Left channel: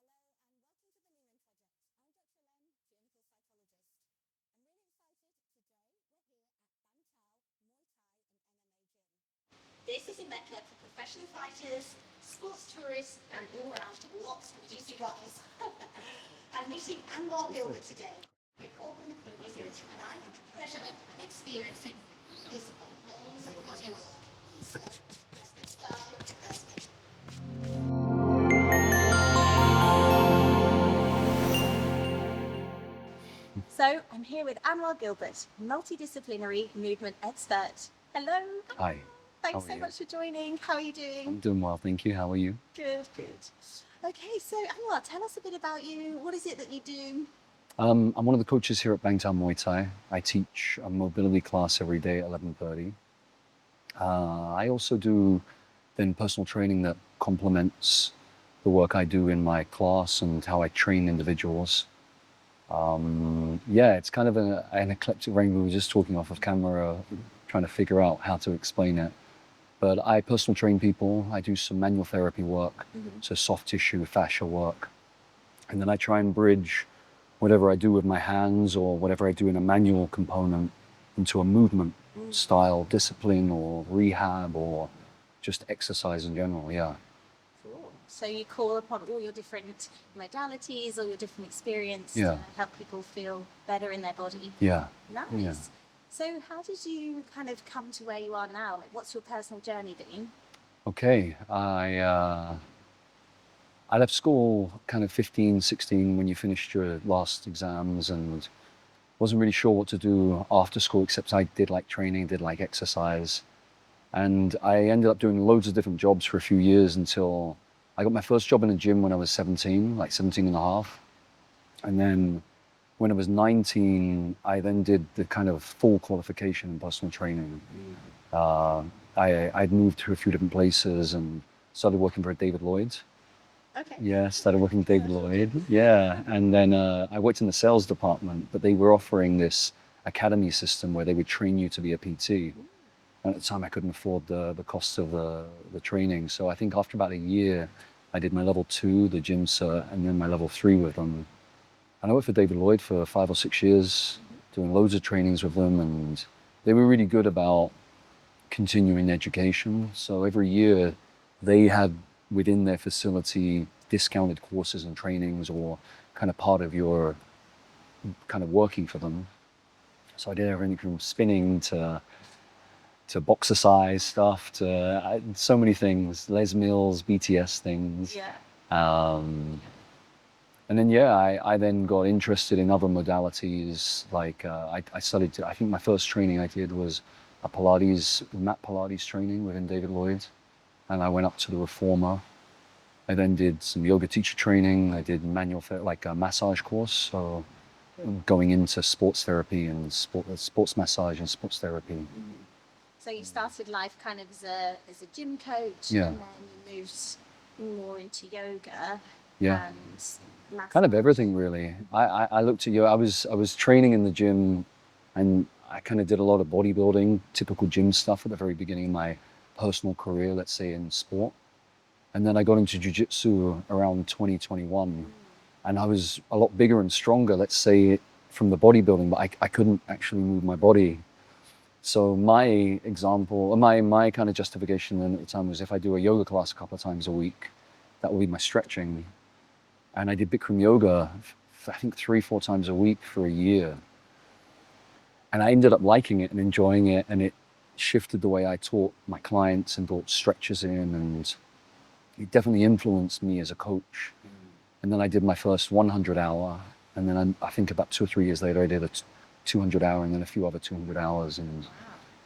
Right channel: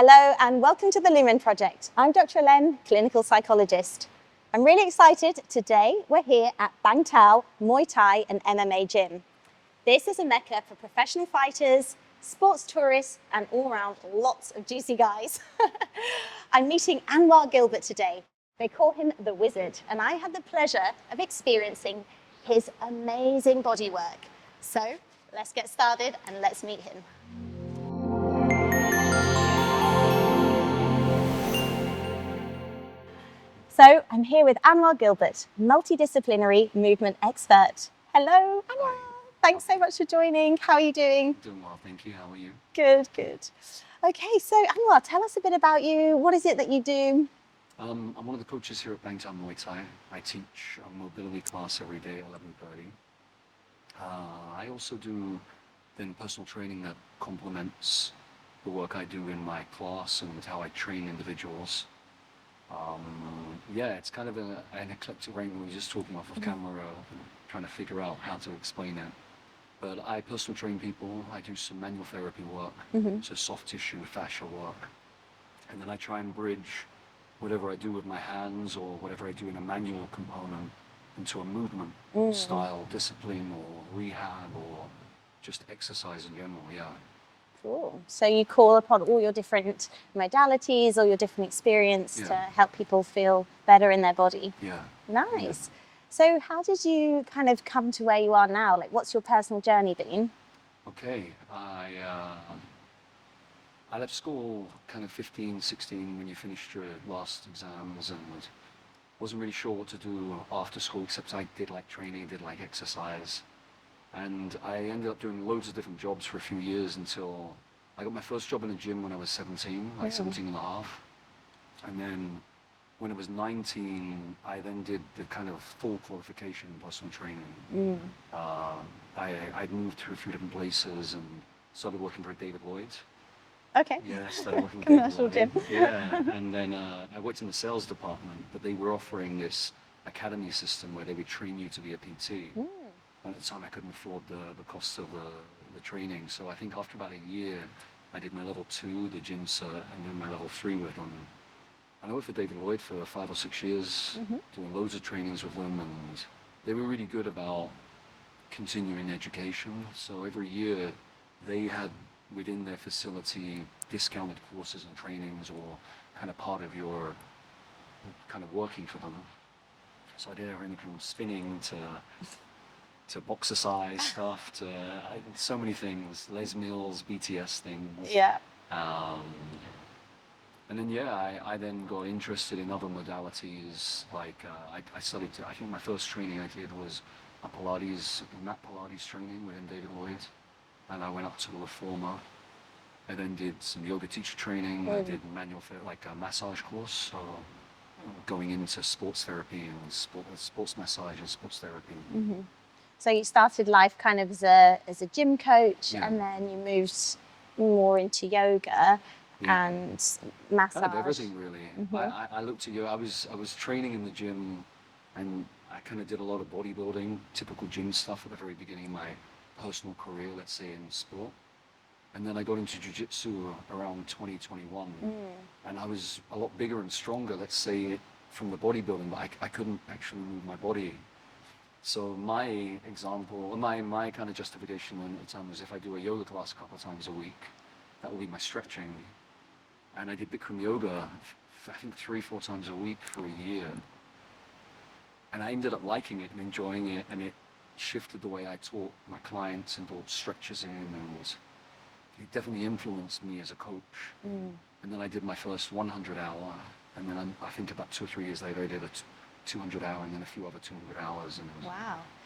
Hello and welcome to the Lumen Project. I'm Dr. Helene, clinical psychologist. I'm really excited. Today we're here at Bang Tao Muay Thai and MMA gym. This is a mecca for professional fighters, sports tourists and all around lots of juicy guys. I'm meeting Anwar Gilbert today. They call him the Wizard and I had the pleasure of experiencing his amazing bodywork. So let's get started and let's meet him. So I'm here with Anwar Gilbert, multidisciplinary movement expert. Hello, Anwar. Hi. Thanks so much for joining. How are you doing? I'm doing well, thank you. How are you? Good, good. Okay, so Anwar, tell us a bit about you. What is it that you do? I'm one of the coaches here at Bang Tao Muay Thai. I teach a mobility class every day at 11:30. I also do then personal training that complements the work I do in my class and how I train individuals. Yeah, it's kind of an eclectic range. We were just talking off of camera, trying to figure out how to explain it. But I personal train people. I do some manual therapy work, so soft tissue, fascia work. And then I try and bridge whatever I do with my hands or whatever I do in a manual component into a movement style, discipline or rehab or just exercise in general, yeah. Cool. So you call upon all your different modalities or your different experience to help people feel better in their body. Yeah. Nice. Yeah. So how did you kind of come to where you are now? Like, what's your personal journey been? Okay, I left school kind of 15, 16 when you finished your last exams and wasn't really sure what to do after school, except I did like training, did like exercise. And I ended up doing loads of different jobs for a few years until I got my first job in a gym when I was 17, like 17 and a half. And then when I was 19, I then did the kind of full qualification in personal training. I'd moved to a few different places and started working for David Lloyd. Okay. Yeah, started working for David Lloyd. Gym. Yeah, and then I worked in the sales department, but they were offering this academy system where they would train you to be a PT. And at the time, I couldn't afford the cost of the training. So I think after about a year, I did my level 2, the gym cert, and then my level 3 with them. And I worked for David Lloyd for 5 or 6 years, doing loads of trainings with them. And they were really good about continuing education. So every year, they had within their facility discounted courses and trainings or kind of part of your kind of working for them. So I did everything from spinning to boxercise stuff, to so many things, Les Mills, BTS things. Yeah. And then, yeah, I then got interested in other modalities. Like I studied, I think my first training I did was a Pilates, mat Pilates training within David Lloyd. And I went up to the Reformer. I then did some yoga teacher training. I did manual, like a massage course. So going into sports therapy and sports massage and sports therapy. So you started life kind of as a gym coach, and then you moved more into yoga and massage. Kind of everything, really. I looked at yoga. I was training in the gym, and I kind of did a lot of bodybuilding, typical gym stuff at the very beginning of my personal career, let's say in sport. And then I got into jiu-jitsu around 2021, and I was a lot bigger and stronger, let's say, from the bodybuilding, but I couldn't actually move my body. So my example, my kind of justification then at the time was if I do a yoga class a couple of times a week, that will be my stretching. And I did Bikram yoga, I think 3-4 times a week for a year. And I ended up liking it and enjoying it, and it shifted the way I taught my clients and brought stretches in, and it definitely influenced me as a coach. And then I did my first 100 hour, and then I think about 2 or 3 years later, I did a 200 hour and then a few other 200 hours. And wow.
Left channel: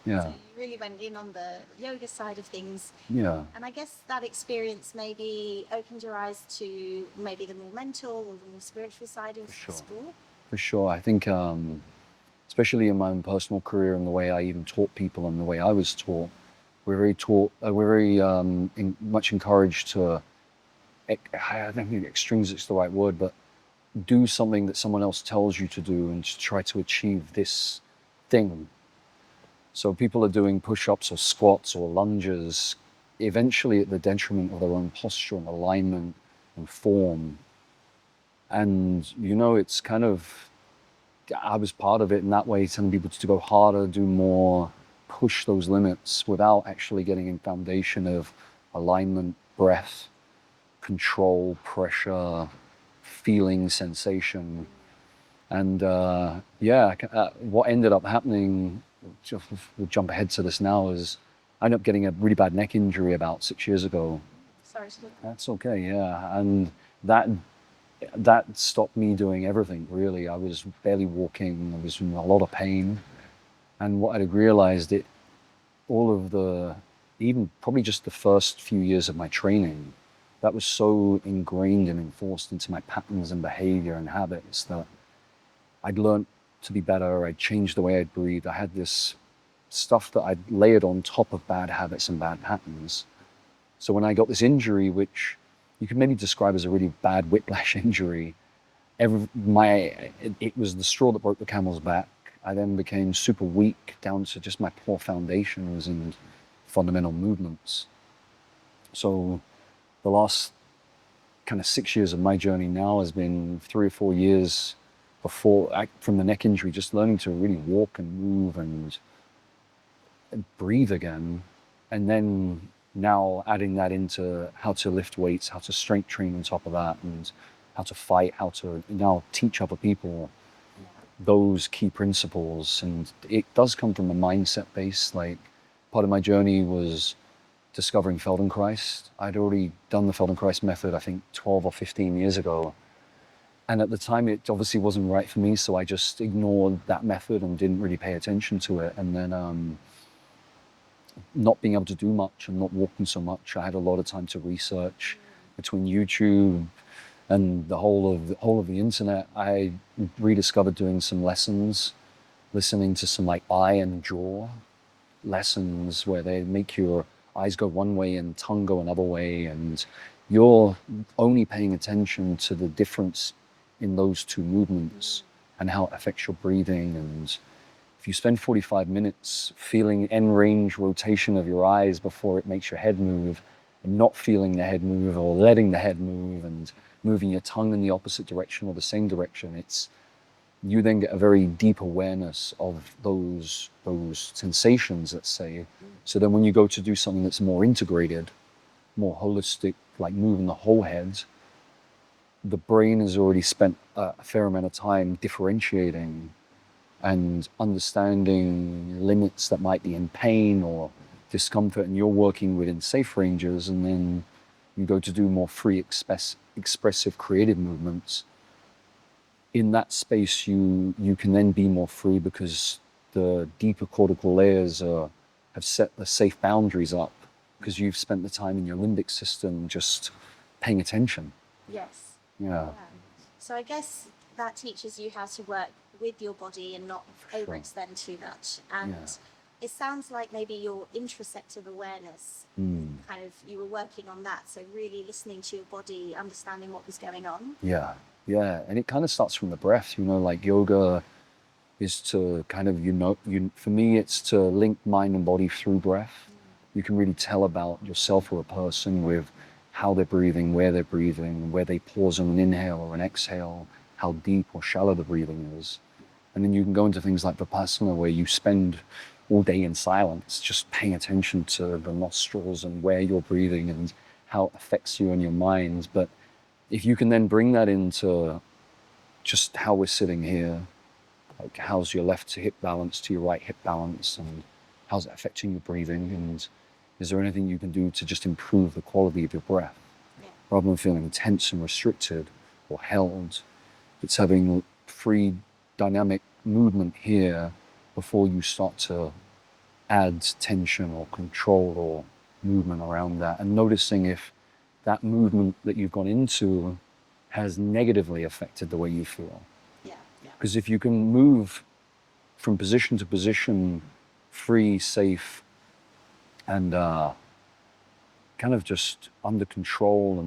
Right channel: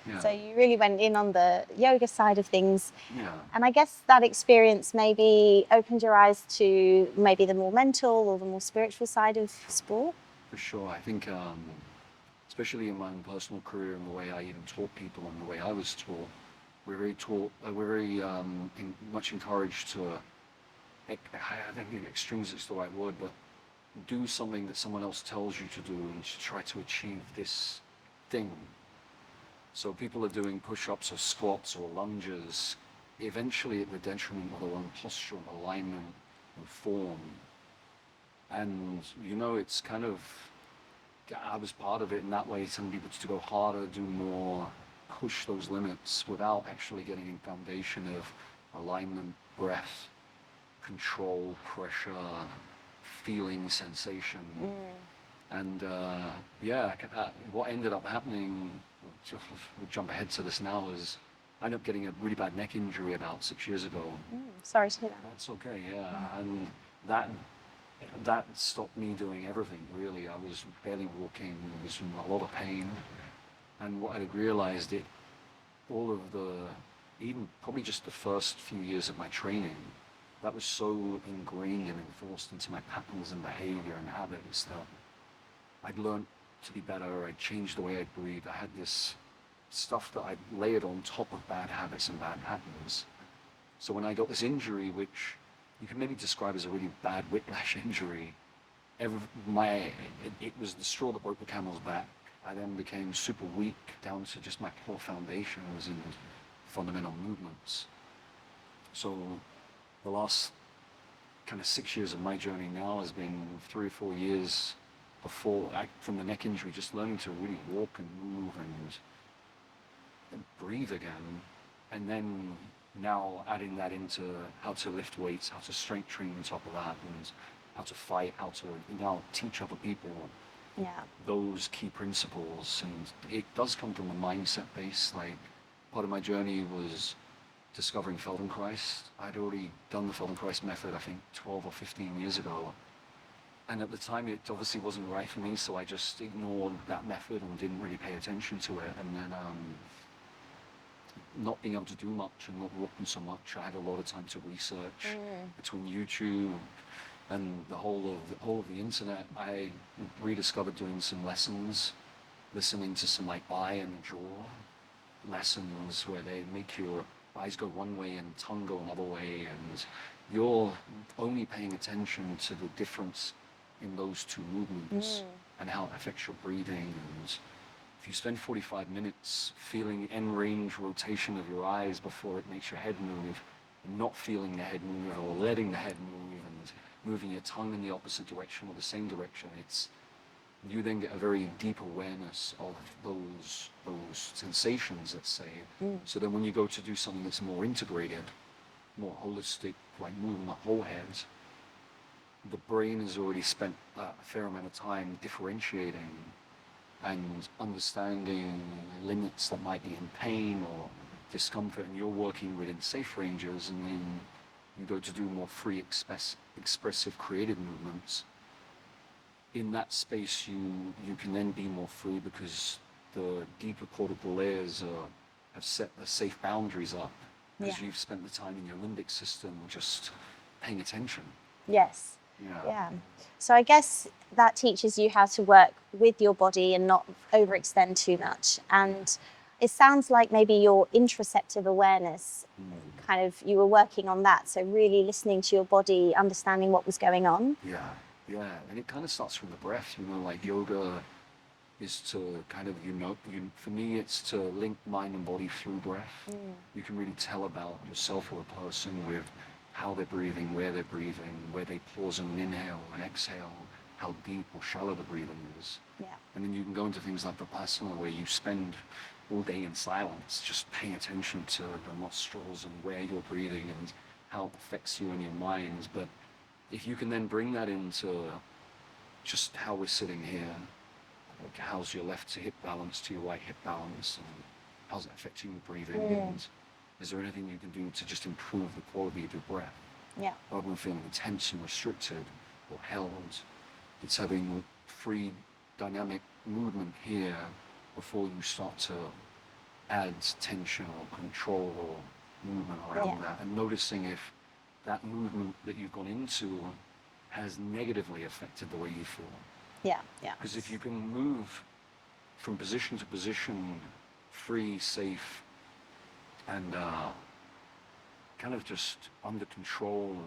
Yeah. So you really went in on the yoga side of things. Yeah. And I guess that experience maybe opened your eyes to maybe the more mental or the more spiritual side of sport. For sure. I think, especially in my own personal career and the way I even taught people and the way I was taught, we're very much encouraged to, I don't think extremes is the right word, but do something that someone else tells you to do and to try to achieve this thing. So people are doing push-ups or squats or lunges, eventually at the detriment of their own posture and alignment and form. And, you know, it's kind of, I was part of it in that way, telling people to go harder, do more, push those limits without actually getting in foundation of alignment, breath, control, pressure, feeling, sensation. And yeah, what ended up happening, just, we'll jump ahead to this now, is I ended up getting a really bad neck injury about 6 years ago. Sorry to hear that. That's okay, yeah. And that stopped me doing everything, really. I was barely walking, I was in a lot of pain. And what I realized, all of the, even probably just the first few years of my training, that was so ingrained and enforced into my patterns and behavior and habits that I'd learned to be better. I'd changed the way I'd breathe. I had this stuff that I'd layered on top of bad habits and bad patterns. So when I got this injury, which you could maybe describe as a really bad whiplash injury, it was the straw that broke the camel's back. I then became super weak down to just my poor foundations and fundamental movements. So the last kind of 6 years of my journey now has been 3 or 4 years from the neck injury, just learning to really walk and move and breathe again. And then now adding that into how to lift weights, how to strength train on top of that, and how to fight, how to now teach other people those key principles. And it does come from a mindset base. Like, part of my journey was discovering Feldenkrais. I'd already done the Feldenkrais method, I think 12 or 15 years ago. And at the time, it obviously wasn't right for me, so I just ignored that method and didn't really pay attention to it. And then not being able to do much and not walking so much, I had a lot of time to research. Between YouTube and the whole of the internet, I rediscovered doing some lessons, listening to some like eye and jaw lessons where they make your eyes go one way and tongue go another way, and you're only paying attention to the difference in those two movements and how it affects your breathing. And if you spend 45 minutes feeling end range rotation of your eyes before it makes your head move, and not feeling the head move or letting the head move and moving your tongue in the opposite direction or the same direction, you then get a very deep awareness of those sensations, let's say. So then when you go to do something that's more integrated, more holistic, like moving the whole head, the brain has already spent a fair amount of time differentiating and understanding limits that might be in pain or discomfort, and you're working within safe ranges. And then you go to do more free, expressive, creative movements. In that space, you can then be more free because the deeper cortical layers have set the safe boundaries up, because you've spent the time in your limbic system just paying attention. Yes. Yeah. So I guess that teaches you how to work with your body and not overextend too much. And it sounds like maybe your interoceptive awareness, kind of, you were working on that. So really listening to your body, understanding what was going on. Yeah. And it kind of starts from the breath, like yoga is to kind of, for me, it's to link mind and body through breath. You can really tell about yourself or a person with how they're breathing, where they pause on an inhale or an exhale, how deep or shallow the breathing is. And then you can go into things like Vipassana, where you spend all day in silence, just paying attention to the nostrils and where you're breathing and how it affects you and your mind. But if you can then bring that into just how we're sitting here, like how's your left hip balance to your right hip balance, and how's it affecting your breathing, and is there anything you can do to just improve the quality of your breath? Rather than feeling tense and restricted or held, it's having free dynamic movement here before you start to add tension or control or movement around that, and noticing if that movement that you've gone into has negatively affected the way you feel. Because if you can move from position to position, free, safe, and kind of just under control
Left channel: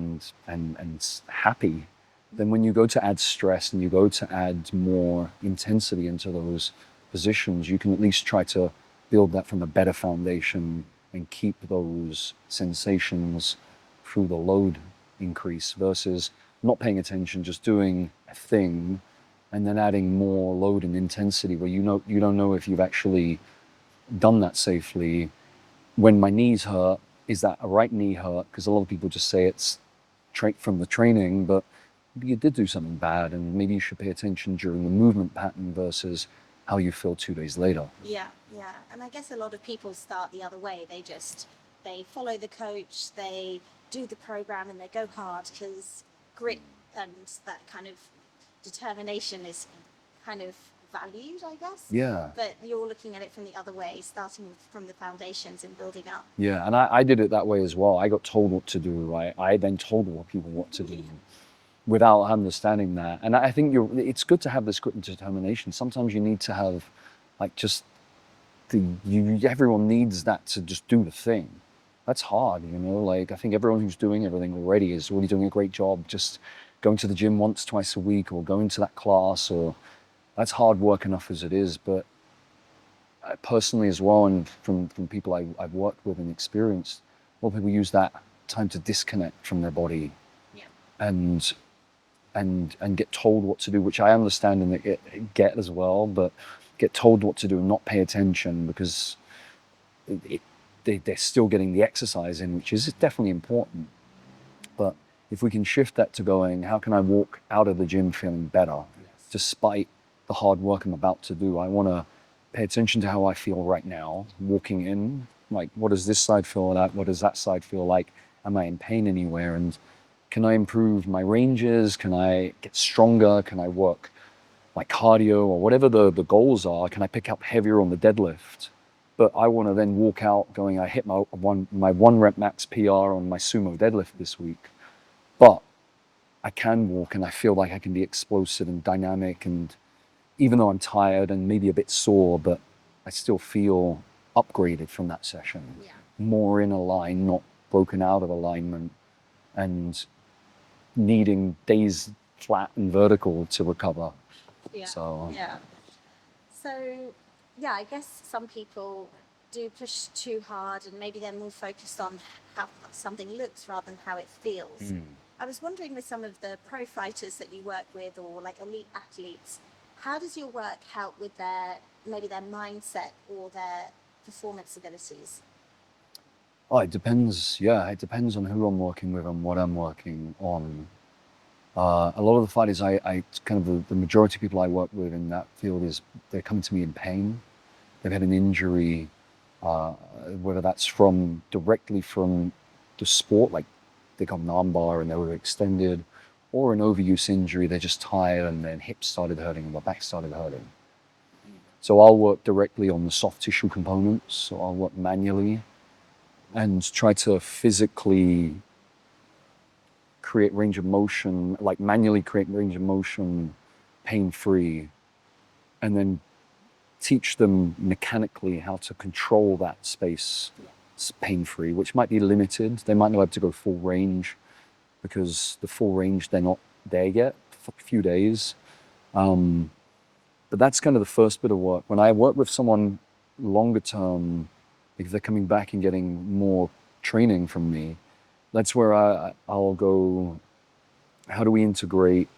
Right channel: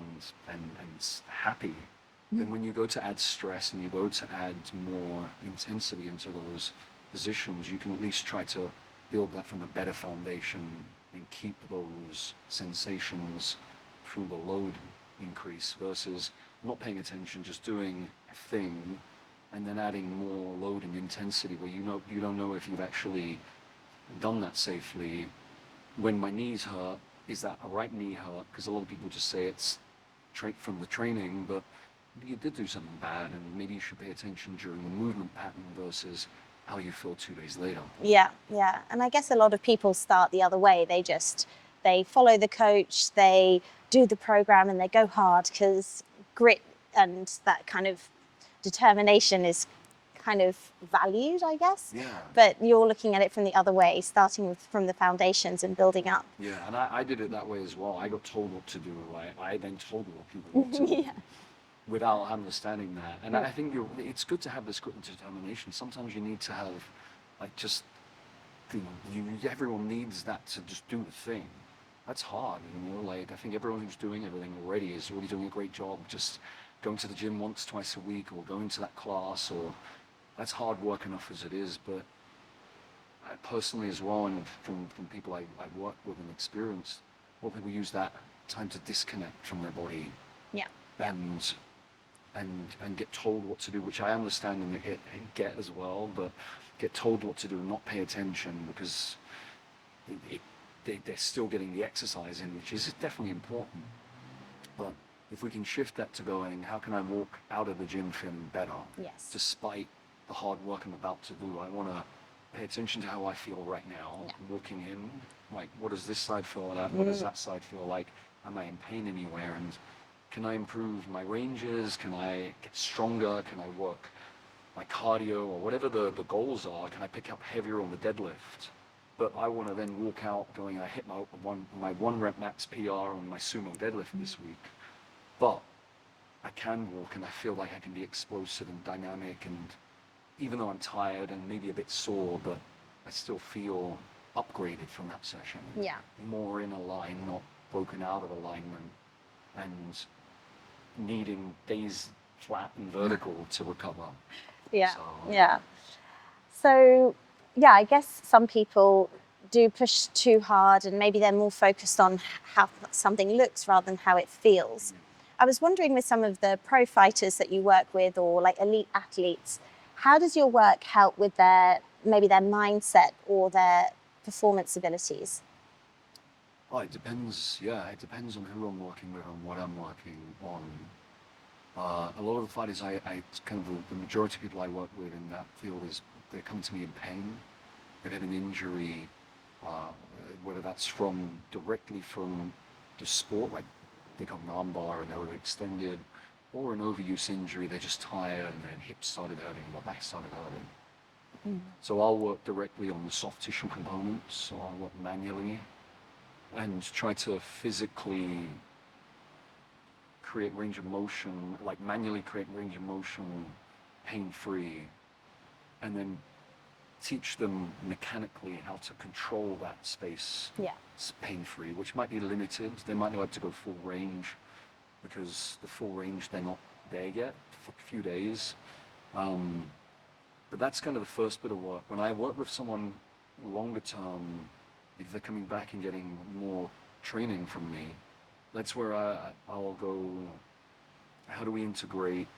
and happy, then when you go to add stress and you go to add more intensity into those positions, you can at least try to build that from a better foundation and keep those sensations through the load increase, versus not paying attention, just doing a thing, and then adding more load and intensity where you don't know if you've actually done that safely. When my knees hurt, is that a right knee hurt? Because a lot of people just say it's from the training, but maybe you did do something bad, and maybe you should pay attention during the movement pattern versus how you feel 2 days later. Yeah, yeah. And I guess a lot of people start the other way. They follow the coach, they do the program, and they go hard because grit and that kind of determination is kind of valued, I guess. Yeah. But you're looking at it from the other way, starting from the foundations and building up. Yeah, and I did it that way as well. I got told what to do. I then told people what to do. Yeah. Without understanding that. And I think it's good to have this grit and determination. Sometimes you need to have, like, just everyone needs that to just do the thing. That's hard, you know. Like, I think everyone who's doing everything already is already doing a great job. Just going to the gym once, twice a week, or going to that class, or that's hard work enough as it is. But personally as well, and from people I've worked with and experienced, a lot of people use that time to disconnect from their body. Yeah. And get told what to do, which I understand and get as well, but get told what to do and not pay attention because they're still getting the exercise in, which is definitely important. But if we can shift that to going, how can I walk out of the gym feeling better? Yes. Despite the hard work I'm about to do, I want to pay attention to how I feel right now, walking in. Like, what does this side feel like? What does that side feel like? Am I in pain anywhere? And can I improve my ranges? Can I get stronger? Can I work my cardio or whatever the goals are? Can I pick up heavier on the deadlift? But I want to then walk out going, I hit my one rep max PR on my sumo deadlift this week. But I can walk and I feel like I can be explosive and dynamic. And even though I'm tired and maybe a bit sore, but I still feel upgraded from that session. Yeah. More in a line, not broken out of alignment. And needing days flat and vertical to recover. Yeah. So, yeah. So, yeah, I guess some people do push too hard and maybe they're more focused on how something looks rather than how it feels. I was wondering, with some of the pro fighters that you work with or like elite athletes, how does your work help with maybe their mindset or their performance abilities? oh, it depends. Yeah, it depends on who I'm working with and what I'm working on. A lot of the fighters, I kind of the majority of people I work with in that field they're coming to me in pain. They've had an injury, whether that's directly from the sport, like they got an armbar and they were extended, or an overuse injury. They're just tired and their hips started hurting, their back started hurting. So I'll work directly on the soft tissue components. So I'll work manually and try to physically create range of motion, like manually create range of motion pain-free, and then teach them mechanically how to control that space pain-free, which might be limited. They might not have to go full range because the full range, they're not there yet for a few days. But that's kind of the first bit of work. When I work with someone longer term, if they're coming back and getting more training from me, that's where I'll go, how do we integrate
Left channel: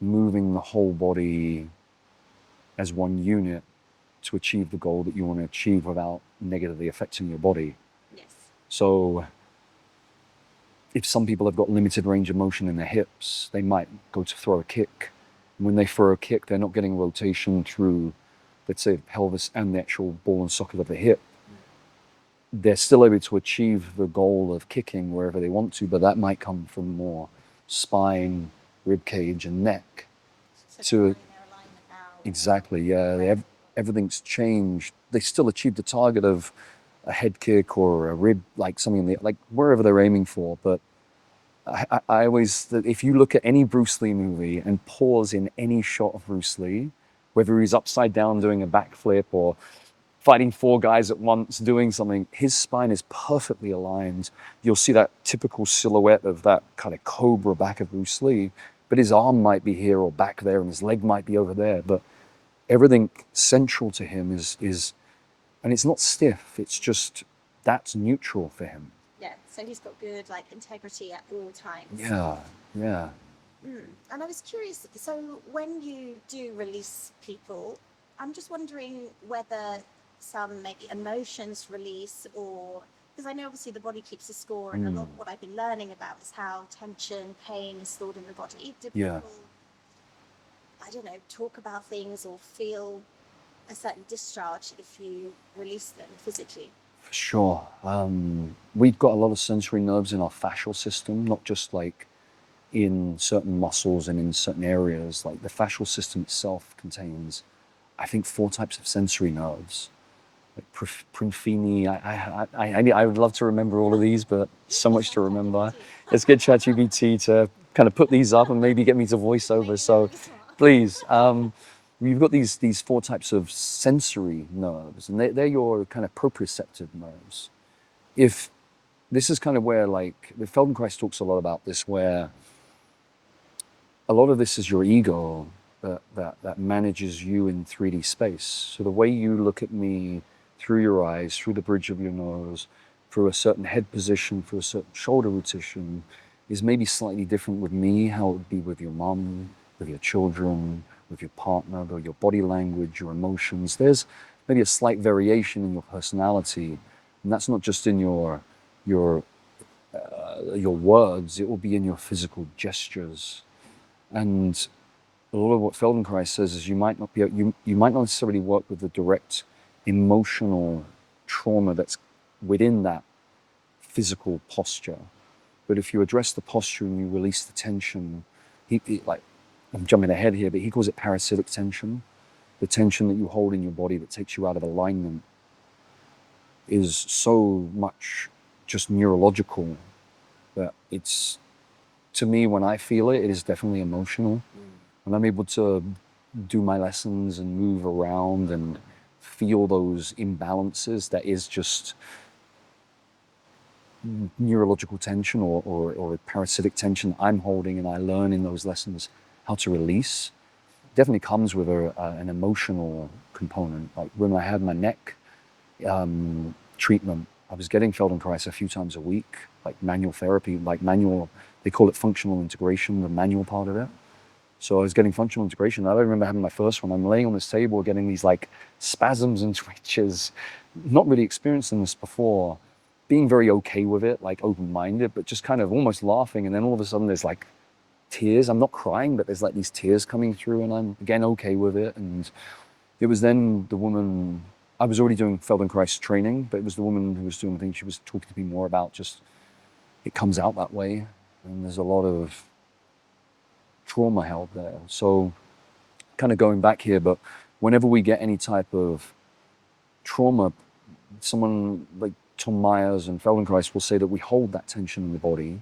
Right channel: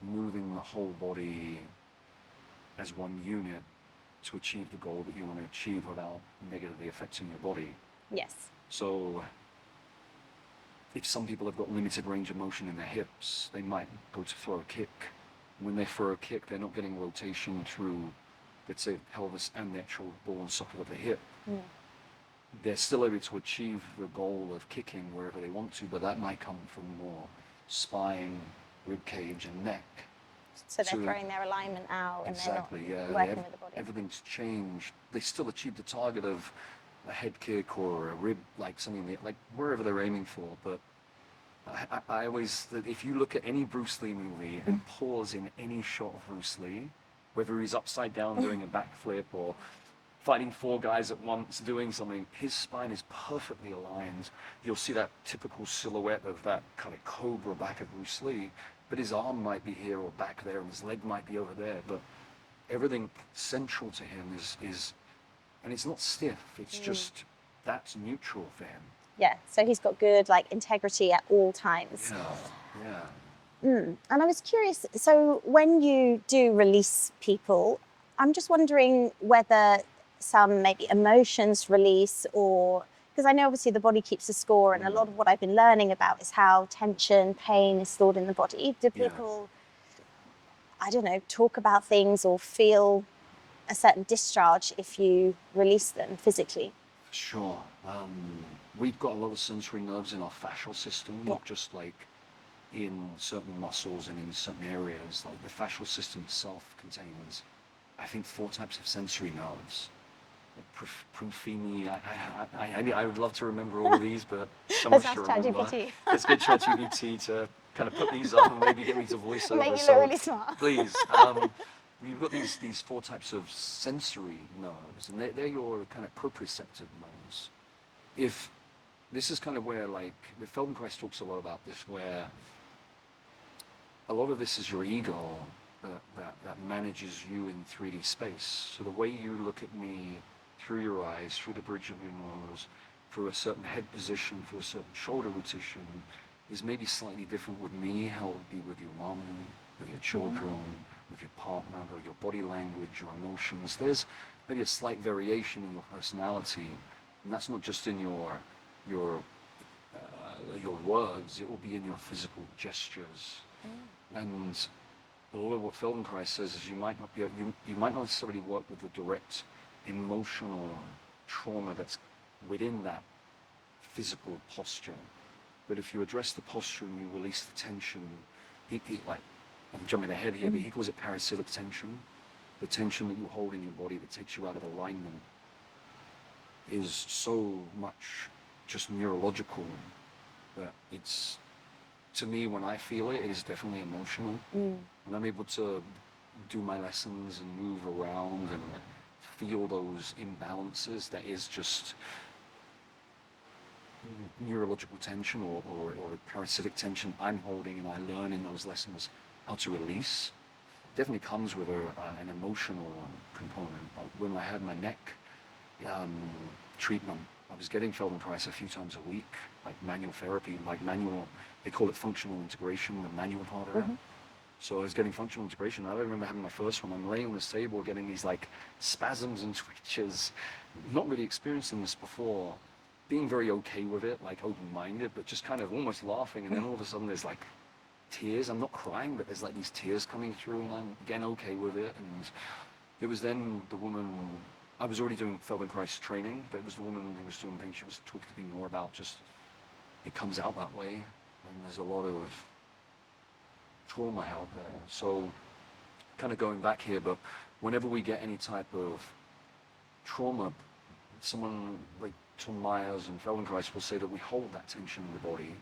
moving the whole body as one unit to achieve the goal that you want to achieve without negatively affecting your body? Yes. So if some people have got limited range of motion in their hips, they might go to throw a kick. When they throw a kick, they're not getting rotation through, let's say, the pelvis and the actual ball and socket of the hip. They're still able to achieve the goal of kicking wherever they want to, but that might come from more spine, rib cage, and neck. So they're throwing their alignment out. Exactly, yeah. Everything's changed. They still achieve the target of a head kick or a rib, like something like wherever they're aiming for. But I always, if you look at any Bruce Lee movie and pause in any shot of Bruce Lee, whether he's upside down doing a backflip or fighting 4 guys at once, doing something, his spine is perfectly aligned. You'll see that typical silhouette of that kind of cobra back of Bruce Lee, but his arm might be here or back there and his leg might be over there. But everything central to him is and it's not stiff, it's just, that's neutral for him. Yeah, so he's got good integrity at all times. Yeah. And I was curious, so when you do release people, I'm just wondering whether some maybe emotions release, or because I know obviously the body keeps a score, and a lot of what I've been learning about is how tension, pain is stored in the body. Do people, I don't know, talk about things or feel a certain discharge if you release them physically? Sure. We've got a lot of sensory nerves in our fascial system, not just like in certain muscles and in certain areas. Like the fascial system itself contains, I think, 4 types of sensory nerves. Like Prunfini. I would love to remember all of these, but so much to remember. Let's get ChatGPT to kind of put these up and maybe get me to voice over. So really smart. please, you've got these 4 types of sensory nerves, and they're your kind of proprioceptive nerves. If this is kind of where, like, the Feldenkrais talks a lot about this, where a lot of this is your ego that manages you in 3D space. So the way you look at me through your eyes, through the bridge of your nose, through a certain head position, through a certain shoulder rotation, is maybe slightly different with me, how it would be with your mom, with your children, with your partner, or your body language, your emotions. There's maybe a slight variation in your personality, and that's not just in your words. It will be in your physical gestures. And a lot of what Feldenkrais says is you might not necessarily work with the direct emotional trauma that's within that physical posture, but if you address the posture and you release the tension, like, I'm jumping ahead here, but he calls it parasitic tension. The tension that you hold in your body that takes you out of alignment is so much just neurological that it's, to me, when I feel it, it is definitely emotional. When I'm able to do my lessons and move around and feel those imbalances, that is just neurological tension or parasitic tension I'm holding, and I learn in those lessons how to release. Definitely comes with an emotional component. Like when I had my neck treatment, I was getting Feldenkrais a few times a week, like manual therapy, like manual, they call it functional integration, the manual part of it. So I was getting functional integration. I don't remember having my first one. I'm laying on this table getting these like spasms and twitches, not really experiencing this before, being very okay with it, like open-minded, but just kind of almost laughing. And then all of a sudden there's like tears. I'm not crying, but there's like these tears coming through, and I'm again okay with it. And it was then the woman, I was already doing Feldenkrais training, but it was the woman who was doing things. She was talking to me more about just, it comes out that way. And there's a lot of trauma held there. So kind of going back here, but whenever we get any type of trauma, someone like Tom Myers and Feldenkrais will say that we hold that tension in the body.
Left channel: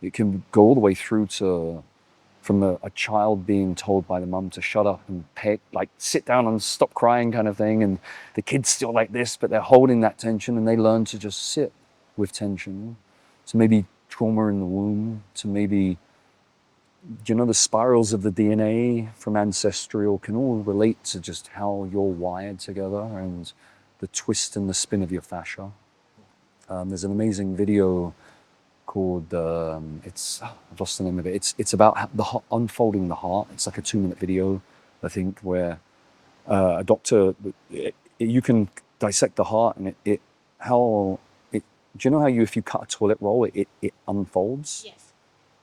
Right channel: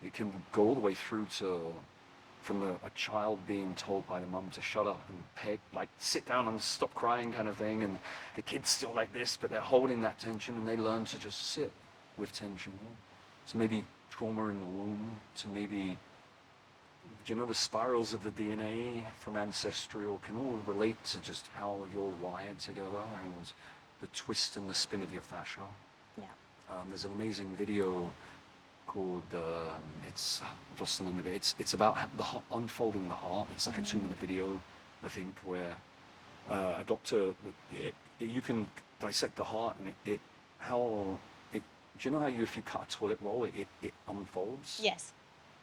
It can go all the way through to, from a child being told by the mum to shut up and like sit down and stop crying kind of thing, and the kid's still like this, but they're holding that tension and they learn to just sit with tension. So maybe trauma in the womb, to maybe, you know, the spirals of the DNA from ancestral can all relate to just how you're wired together and the twist and the spin of your fascia. There's an amazing video called, I've lost the name of it. It's about unfolding the heart. It's like a 2-minute video, I think, where a doctor, you can dissect the heart, and do you know how if you cut a toilet roll, it unfolds? Yes.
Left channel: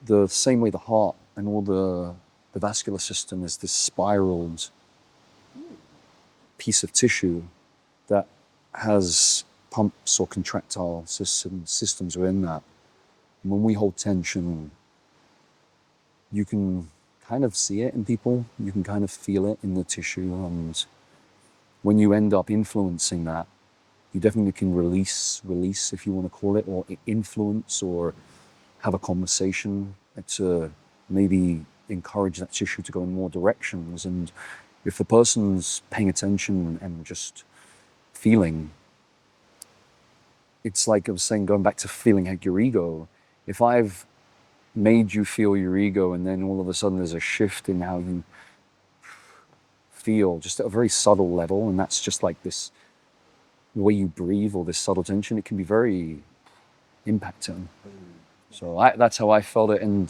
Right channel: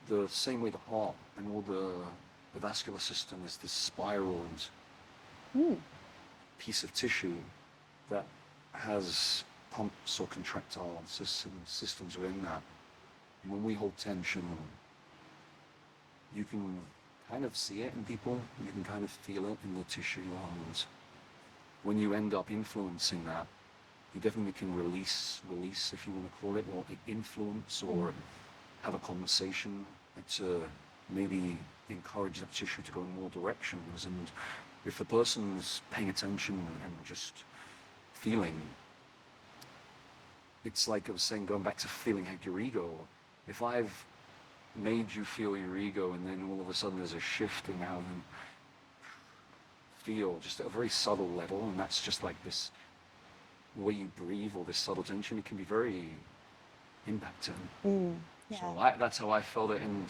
The same way the heart and all the vascular system is this spiraled piece of tissue that has pumps or contractile systems within that. And when we hold tension, you can kind of see it in people, you can kind of feel it in the tissue, and when you end up influencing that, you definitely can release if you want to call it, or influence, or have a conversation to maybe encourage that tissue to go in more directions. And if the person's paying attention and just feeling, it's like I was saying, going back to feeling like your ego. If I've made you feel your ego, and then all of a sudden there's a shift in how you feel, just at a very subtle level, and that's just like this way you breathe, or this subtle tension, it can be very impacting. So that's how I felt it. And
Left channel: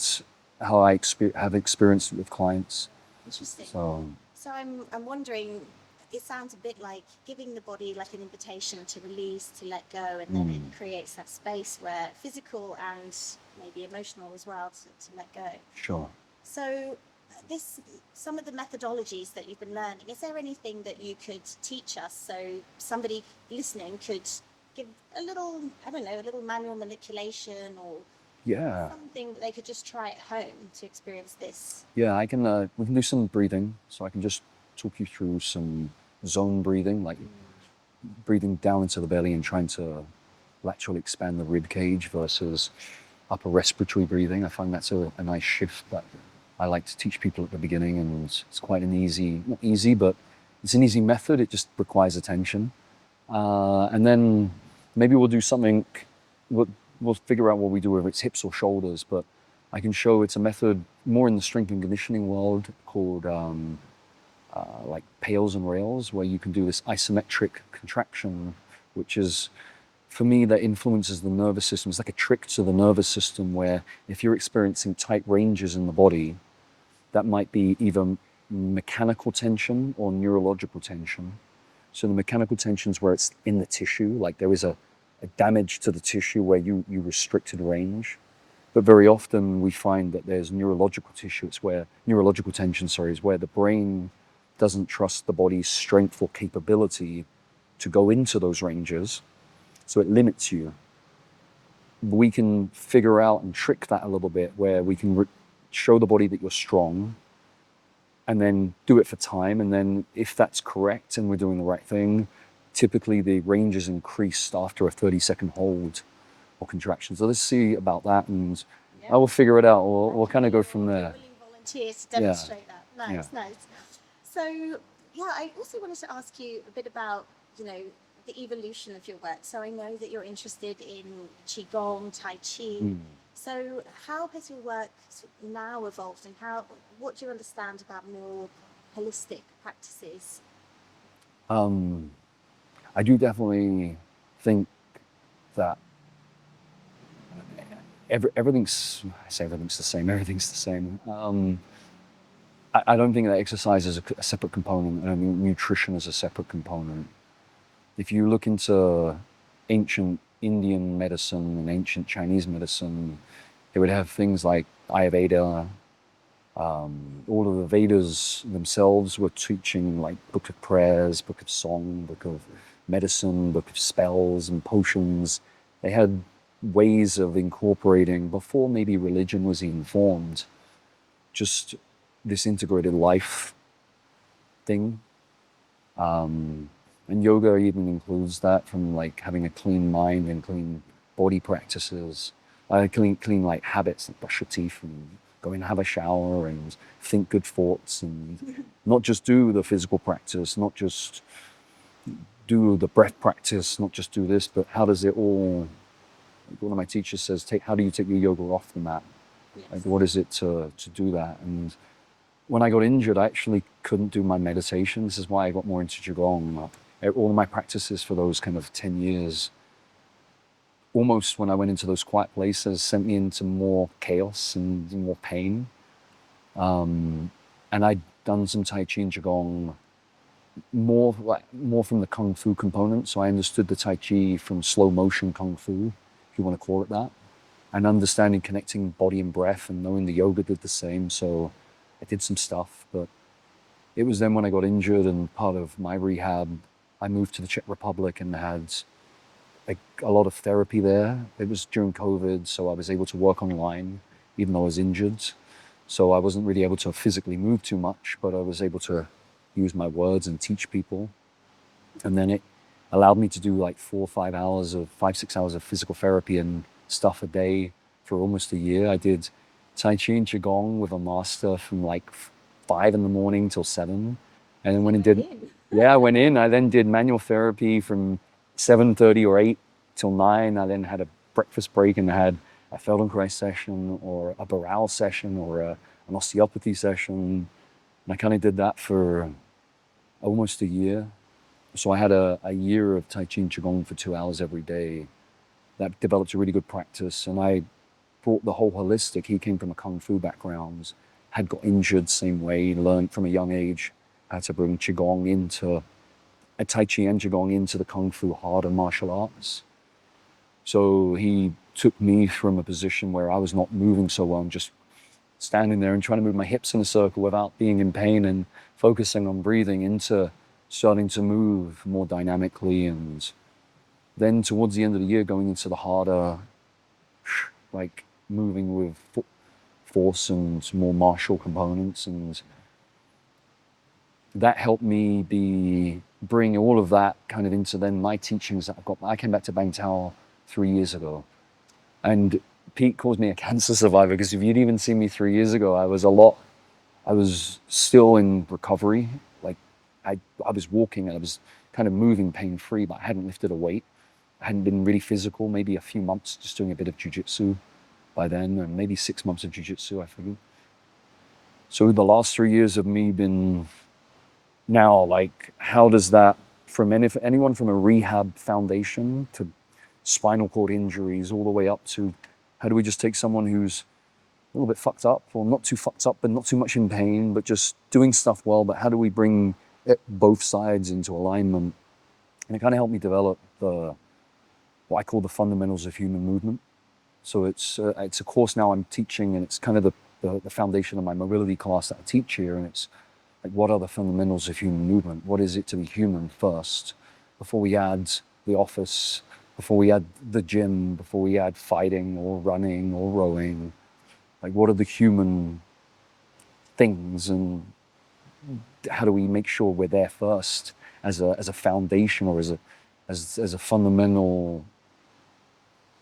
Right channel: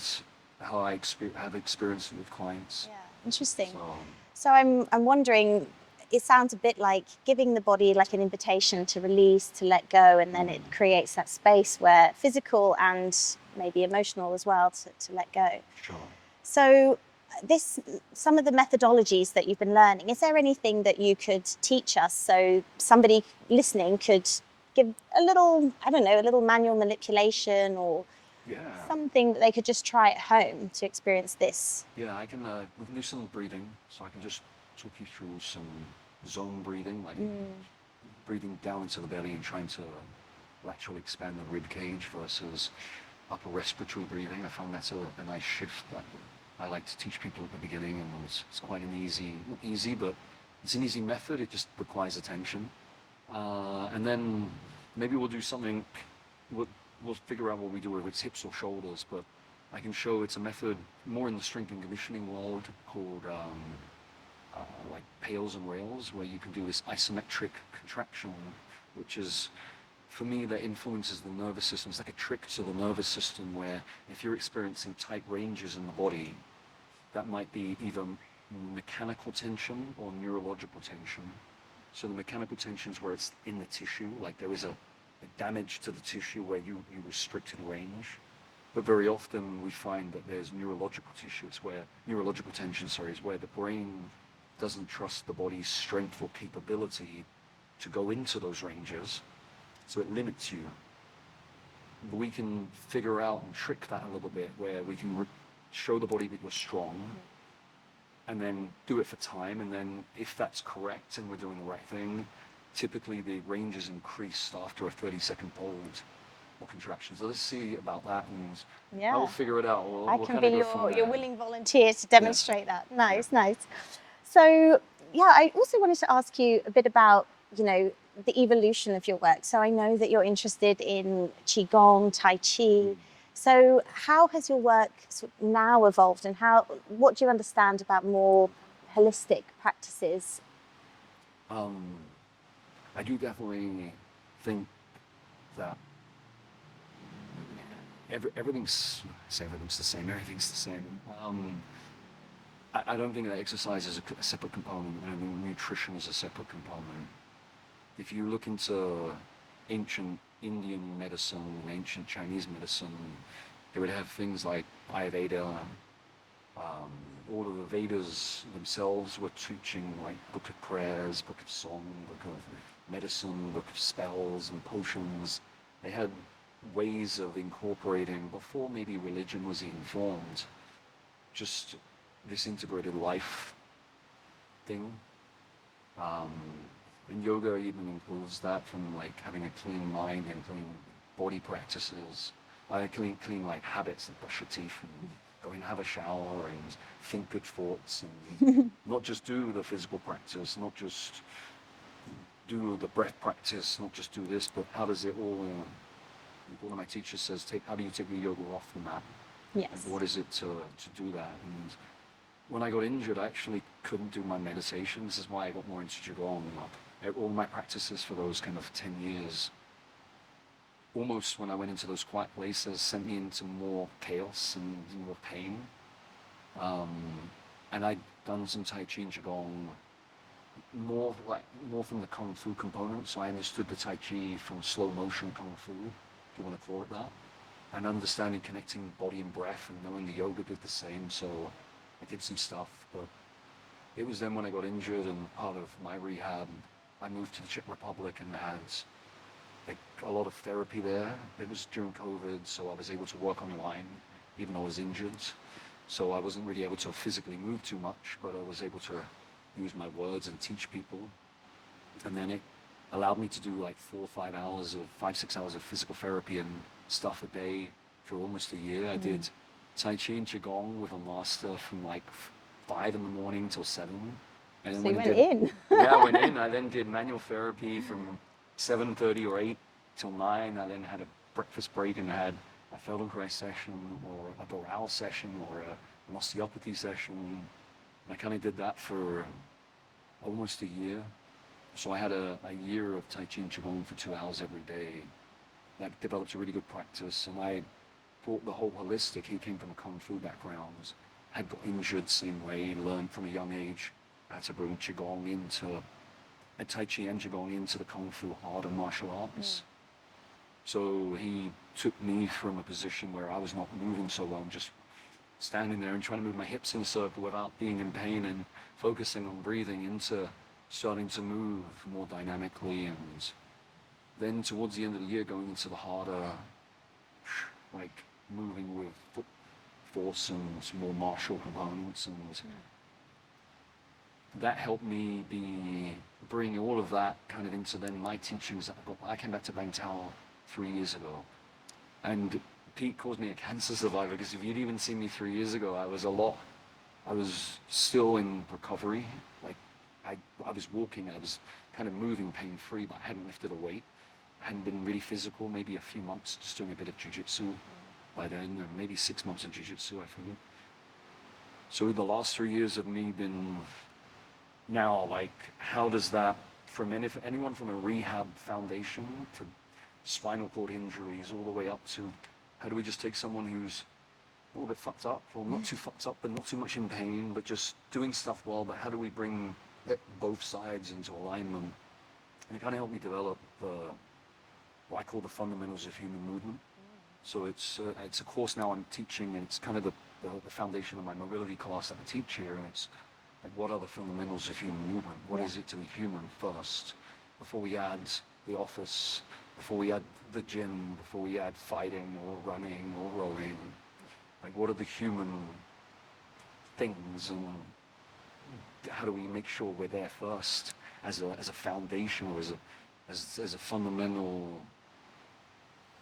how I have experienced with clients. Yeah, interesting. So So I'm wondering, it sounds a bit like giving the body like an invitation to release, to let go, and then it creates that space where physical and maybe emotional as well to let go. sure. So some of the methodologies that you've been learning, is there anything that you could teach us so somebody listening could give a little, I don't know, a little manual manipulation or Yeah. something that they could just try at home to experience this? Yeah, I can. We can do some breathing. So I can just talk you through some zone breathing, like breathing down into the belly and trying to laterally expand the rib cage versus upper respiratory breathing. I find that's a nice shift that I like to teach people at the beginning, and it's quite an easy, not easy, but it's an easy method. It just requires attention. And then maybe we'll do something, we'll, we'll figure out what we do, whether it's hips or shoulders, but I can show it's a method more in the strength and conditioning world called like pails and rails, where you can do this isometric contraction, which is, for me, that influences the nervous system. It's like a trick to the nervous system where if you're experiencing tight ranges in the body, that might be either mechanical tension or neurological tension. So the mechanical tension is where it's in the tissue, like there is a damage to the tissue where you restricted range. But very often we find that there's neurological tissue. It's where neurological tension, sorry, is where the brain doesn't trust the body's strength or capability to go into those ranges. So it limits you. We can figure out and trick that a little bit where we can show the body that you're strong and then do it for time. And then if that's correct and we're doing the right thing, typically the range is increased after a 30-second hold or contraction. So let's see about that, and I will figure it out. We'll kind of go from there. Your willing volunteer to demonstrate that. Nice, Yeah. nice. So yeah, I also wanted to ask you a bit about, the evolution of your work. So I know that you're interested in Qigong, Tai Chi. So how has your work sort of now evolved, and what do you understand about more holistic practices? I do definitely think that I say everything's the same, everything's the same. I don't think that exercise is a separate component. I don't think nutrition is a separate component. If you look into ancient Indian medicine and ancient Chinese medicine, they would have things like Ayurveda. All of the Vedas themselves were teaching like book of prayers, book of song, book of medicine, book of spells and potions. They had ways of incorporating, before maybe religion was even formed, just this integrated life thing. And yoga even includes that, from like having a clean mind and clean body practices, clean like habits, like brush your teeth and go and have a shower and think good thoughts, and not just do the physical practice, not just do the breath practice, not just do this, but how does it all, one of my teachers says, how do you take your yoga off the mat? Yes. Like, what is it to do that? And when I got injured, I actually couldn't do my meditation. This is why I got more into Qigong. All of my practices for those kind of 10 years, almost when I went into those quiet places, sent me into more chaos and more pain. And I'd done some Tai Chi and Qigong more from the Kung Fu component. So I understood the Tai Chi from slow motion Kung Fu, if you want to call it that, and understanding, connecting body and breath, and knowing the yoga did the same. So I did some stuff, but it was then when I got injured, and part of my rehab, I moved to the Czech Republic and had a lot of therapy there. It was during COVID, so I was able to work online, even though I was injured. So I wasn't really able to physically move too much, but I was able to use my words and teach people. And then it allowed me to do like 5-6 hours of physical therapy and stuff a day for almost a year. I did Tai Chi and Qigong with a master from like 5 in the morning till 7. And then I went in. I then did manual therapy from 7:30 or 8 till 9. I then had a breakfast break and I had a Feldenkrais session or a Barral session or an osteopathy session. And I kind of did that for almost a year. So I had a year of Tai Chi and Qigong for 2 hours every day. That developed a really good practice. And I brought the whole holistic. He came from a kung fu background, had got injured same way, learned from a young age how to bring qigong into Tai Chi and qigong into the kung fu harder martial arts. So he took me from a position where I was not moving so well and just standing there and trying to move my hips in a circle without being in pain and focusing on breathing into starting to move more dynamically. And then towards the end of the year, going into the harder, like moving with force and more martial components. And that helped me bring all of that kind of into then my teachings that I've got. I came back to Bang Tao 3 years ago, and Pete calls me a cancer survivor, because if you'd even seen me 3 years ago, I was still in recovery. Like I was walking and I was kind of moving pain-free, but I hadn't lifted a weight. I hadn't been really physical, maybe a few months just doing a bit of jiu-jitsu by then, or maybe 6 months of jiu-jitsu, I forget. So the last 3 years of me been now, like, how does that, from anyone from a rehab foundation to spinal cord injuries all the way up to, how do we just take someone who's a little bit fucked up, or not too fucked up, but not too much in pain, but just doing stuff well, but how do we bring both sides into alignment? And it kind of helped me develop what I call the fundamentals of human movement. So it's a course now I'm teaching, and it's kind of the foundation of my mobility class that I teach here. And it's like, what are the fundamentals of human movement? What is it to be human first, before we add the office, before we add the gym, before we add fighting or running or rowing? Like, what are the human things, and how do we make sure we're there first as a foundation, or as a fundamental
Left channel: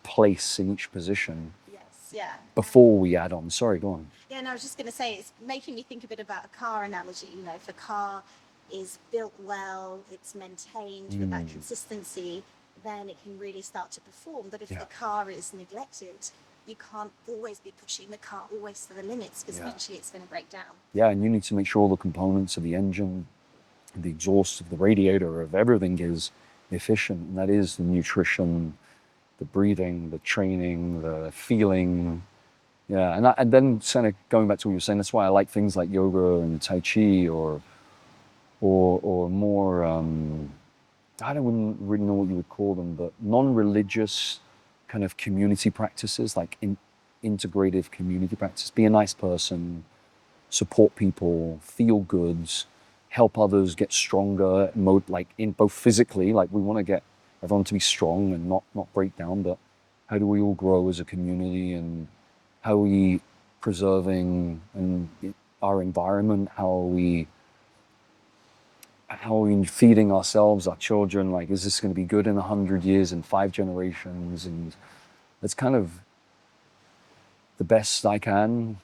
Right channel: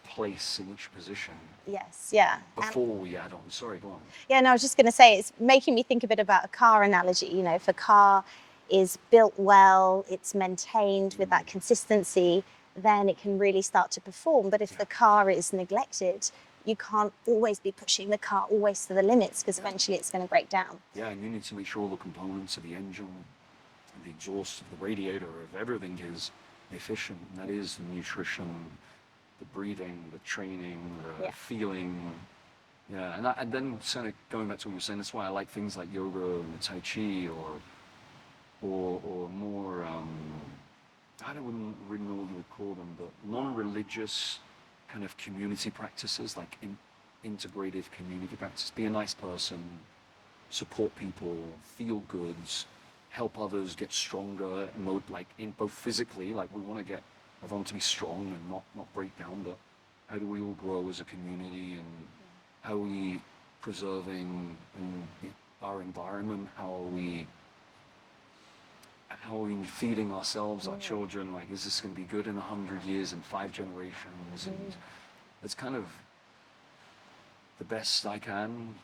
place in each position? Yes, yeah. Before we add on. Sorry, go on. Yeah, no, I was just going to say, it's making me think a bit about a car analogy. You know, if a car is built well, it's maintained with that consistency, then it can really start to perform. But if the car is neglected, you can't always be pushing the car always to the limits, because eventually it's going to break down. Yeah, and you need to make sure all the components of the engine, the exhaust of the radiator, of everything is efficient. And that is the nutrition, the breathing, the training, the feeling. Yeah, and then kind of going back to what you were saying, that's why I like things like yoga and Tai Chi, or more, I wouldn't really know what you would call them, but non-religious kind of community practices, like integrative community practice. Be a nice person, support people, feel good, help others get stronger, like in both physically, like we want to get everyone to be strong and not break down, but how do we all grow as a community, and how are we preserving our environment, how are we feeding ourselves, our children, like, is this going to be good in 100 years, in 5 generations? And it's kind of the best I can,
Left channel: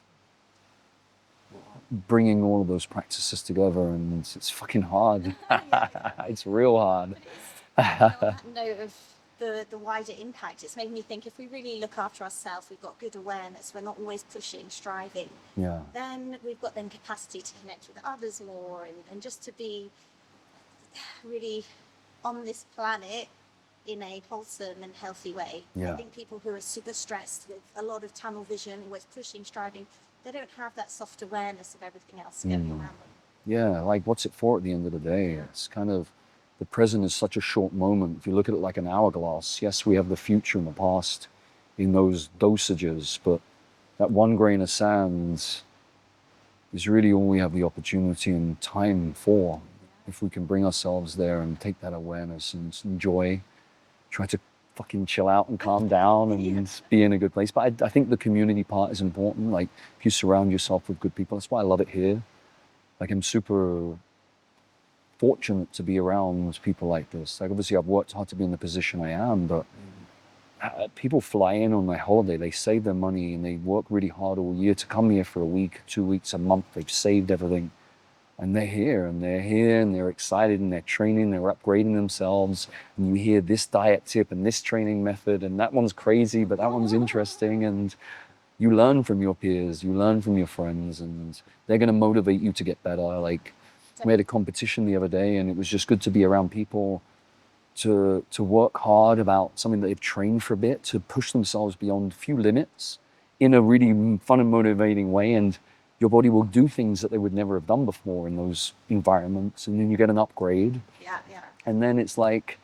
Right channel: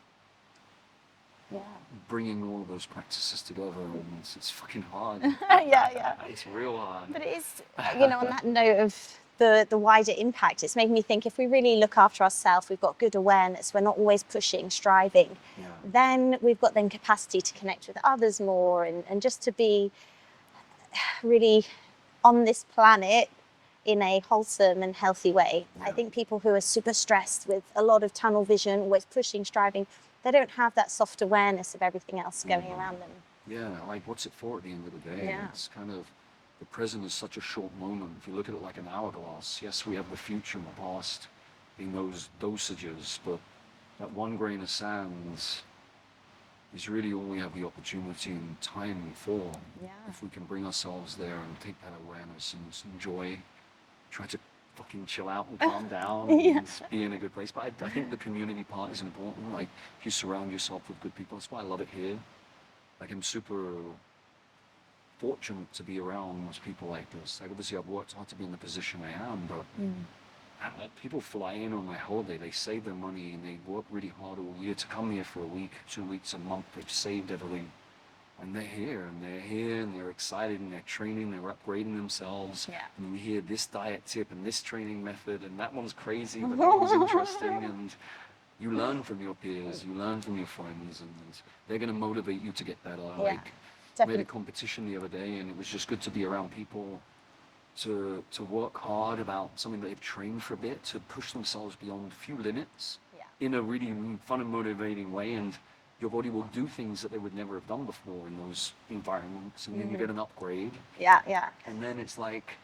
bringing all of those practices together, and it's fucking hard. It's real hard. But it is, you know, on that note of the wider impact, it's making me think, if we really look after ourselves, we've got good awareness, we're not always pushing, striving, then we've got then capacity to connect with others more, and just to be really on this planet in a wholesome and healthy way. I think people who are super stressed with a lot of tunnel vision, always pushing, striving, they don't have that soft awareness of everything else going around them. Yeah, like, what's it for at the end of the day? It's kind of, the present is such a short moment. If you look at it like an hourglass, yes, we have the future and the past in those dosages, but that one grain of sand is really all we have the opportunity and time for. If we can bring ourselves there and take that awareness and enjoy, try to fucking chill out and calm down and be in a good place. But I think the community part is important. Like, if you surround yourself with good people, that's why I love it here. Like, I'm super fortunate to be around people like this. Like, obviously I've worked hard to be in the position I am, but people fly in on their holiday, they save their money and they work really hard all year to come here for a week, 2 weeks, a month. They've saved everything. And they're here, and they're excited, and they're training, they're upgrading themselves. And you hear this diet tip and this training method, and that one's crazy, but that one's interesting. And you learn from your peers, you learn from your friends, and they're going to motivate you to get better. Like, we had a competition the other day, and it was just good to be around people to work hard about something that they've trained for a bit, to push themselves beyond a few limits, in a really fun and motivating way, and your body will do things that they would never have done before in those environments, and then you get an upgrade. Yeah, yeah. And then it's like,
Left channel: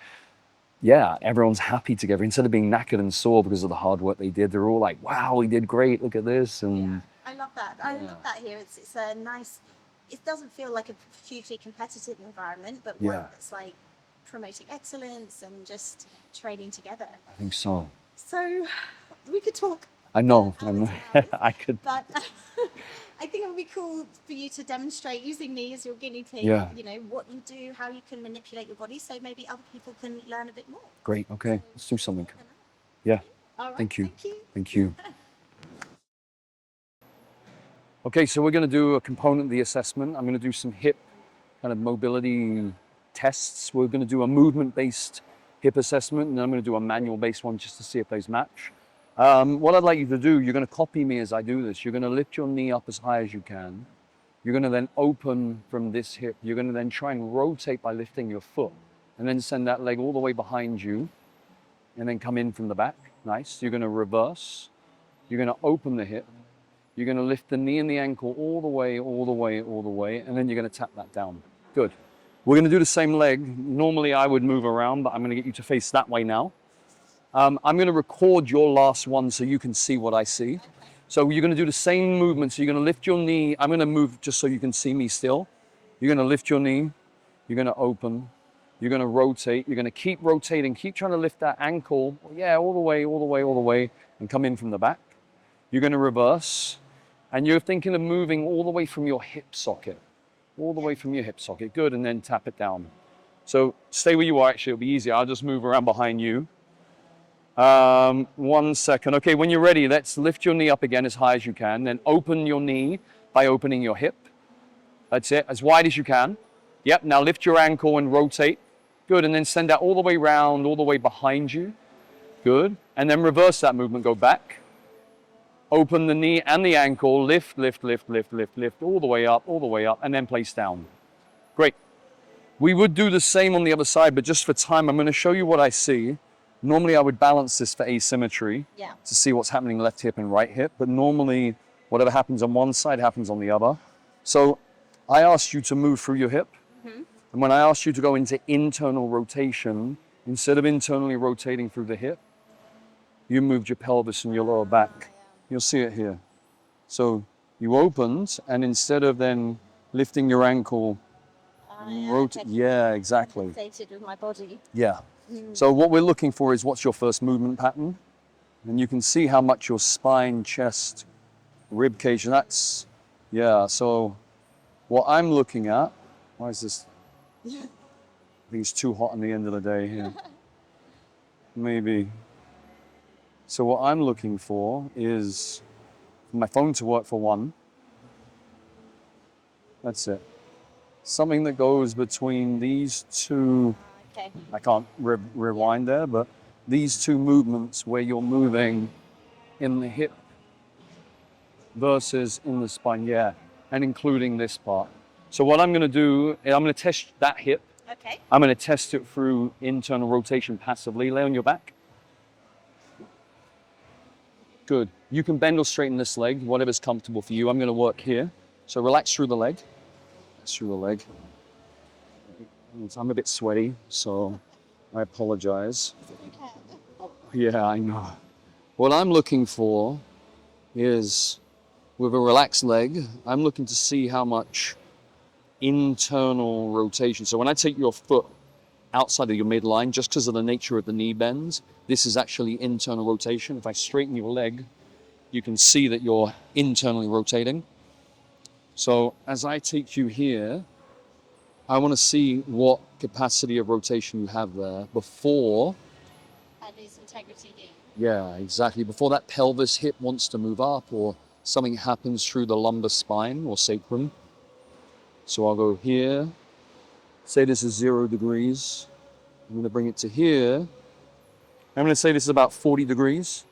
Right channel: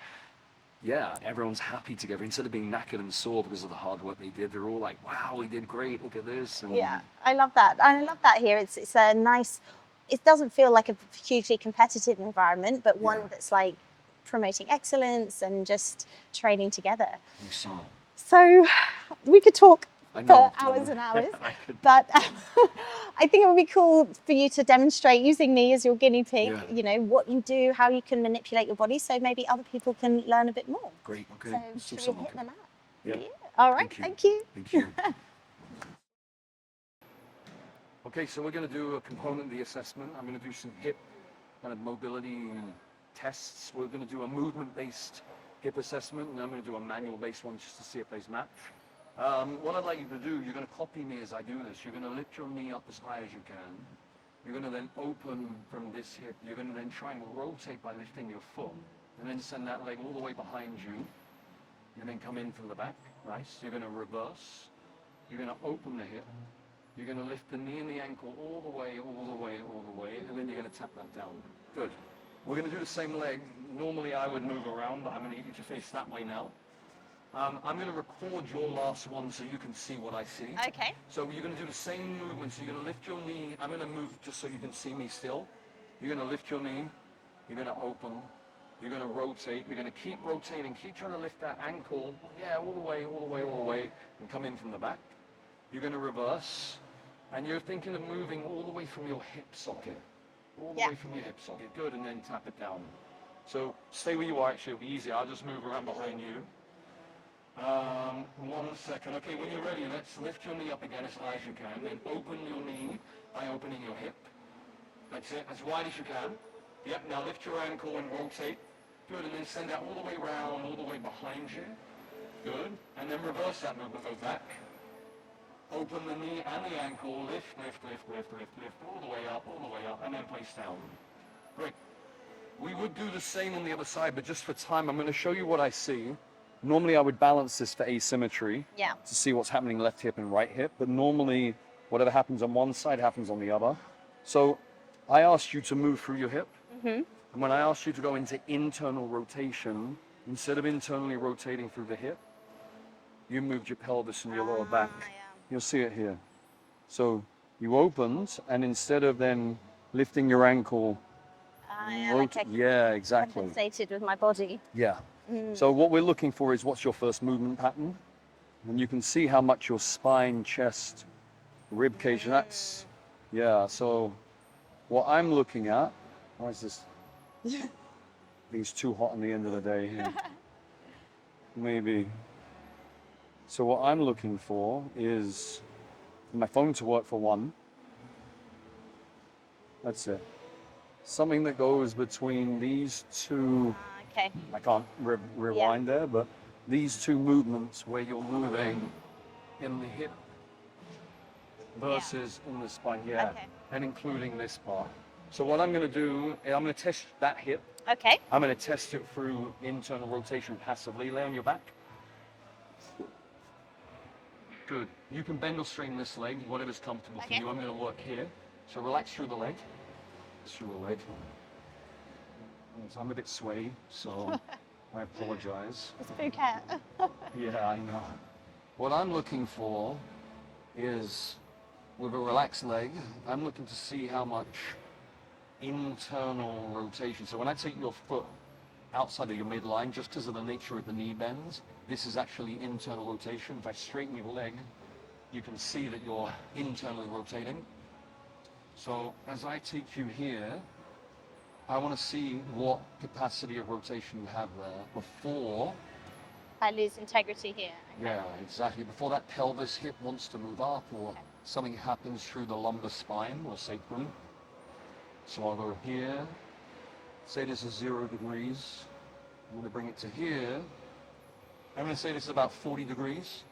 yeah, everyone's happy together. Instead of being knackered and sore because of the hard work they did, they're all like, wow, we did great, look at this. And Yeah, I love that. I love that here. It's a nice, it doesn't feel like a hugely competitive environment, but one Yeah. that's like promoting excellence and just training together. I think so. So we could talk I know. for hours and hours. I could. But I think it would be cool for you to demonstrate using me as your guinea pig, Yeah. you know, what you do, how you can manipulate your body, so maybe other people can learn a bit more. Great. Okay. So Let's do shall we something. hit them out? Yeah. All right. Thank you. Thank you. Thank you. Okay, so we're going to do a component of the assessment. I'm going to do some hip kind of mobility tests. We're going to do a movement-based hip assessment, and then I'm going to do a manual-based one just to see if those match. What I'd like you to do, you're going to copy me as I do this. You're going to lift your knee up as high as you can. You're going to then open from this hip. You're going to then try and rotate by lifting your foot, and then send that leg all the way behind you, and then come in from the back. Nice. You're going to reverse. You're going to open the hip. You're going to lift the knee and the ankle all the way, all the way, all the way, and then you're going to tap that down. Good. We're going to do the same leg. Normally I would move around, but I'm going to get you to face that way now. I'm going to record your last one so you can see what I see. Okay. So you're going to do the same movement. So you're going to lift your knee. I'm going to move just so you can see me still. You're going to lift your knee. You're going to open. You're going to rotate. You're going to keep rotating. Keep trying to lift that ankle. Yeah, all the way, all the way, all the way, and come in from the back. You're going to reverse. And you're thinking of moving all the way from your hip socket. All the way from your hip socket. Good, and then tap it down. So stay where you are, actually, it'll be easier. I'll just move around behind you. 1 second. Okay, when you're ready, let's lift your knee up again as high as you can. Then open your knee by opening your hip. That's it, as wide as you can. Yep, now lift your ankle and rotate. Good, and then send that all the way round, all the way behind you. Good, and then reverse that movement, go back. Open the knee and the ankle, lift, lift, lift, lift, lift, lift, all the way up, and then place down. Great. We would do the same on the other side, but just for time, I'm going to show you what I see. Normally, I would balance this for asymmetry to see what's happening left hip and right hip, but normally, whatever happens on one side happens on the other. So I asked you to move through your hip, and when I asked you to go into internal rotation, instead of internally rotating through the hip, you moved your pelvis and your lower back. You'll see it here. So you opened, and instead of then lifting your ankle, yeah, exactly. Compensated with my body. Yeah. So what we're looking for is what's your first movement pattern, and you can see how much your spine, chest, rib cage, and that's, yeah. So what I'm looking at, why is this? I think it's too hot on the end of the day here. Maybe. So what I'm looking for is my phone to work for one. That's it. Something that goes between these two. Okay. I can't rewind there, but these two movements where you're moving in the hip versus in the spine, and including this part. So what I'm going to do, I'm going to test that hip. Okay. I'm going to test it through internal rotation passively. Lay on your back. Good. You can bend or straighten this leg, whatever's comfortable for you. I'm going to work here. So relax through the leg. Through the leg. I'm a bit sweaty, so I apologize. It's okay. Yeah, I know. What I'm looking for is, with a relaxed leg, I'm looking to see how much internal rotation. So when I take your foot outside of your midline, just because of the nature of the knee bends, this is actually internal rotation. If I straighten your leg, you can see that you're internally rotating. So as I take you here, I want to see what capacity of rotation you have there before I lose integrity here. Yeah, exactly. Before that pelvis hip wants to move up or something happens through the lumbar spine or sacrum. So I'll go here. Say this is 0 degrees. I'm going to bring it to here. I'm going to say this is about 40 degrees.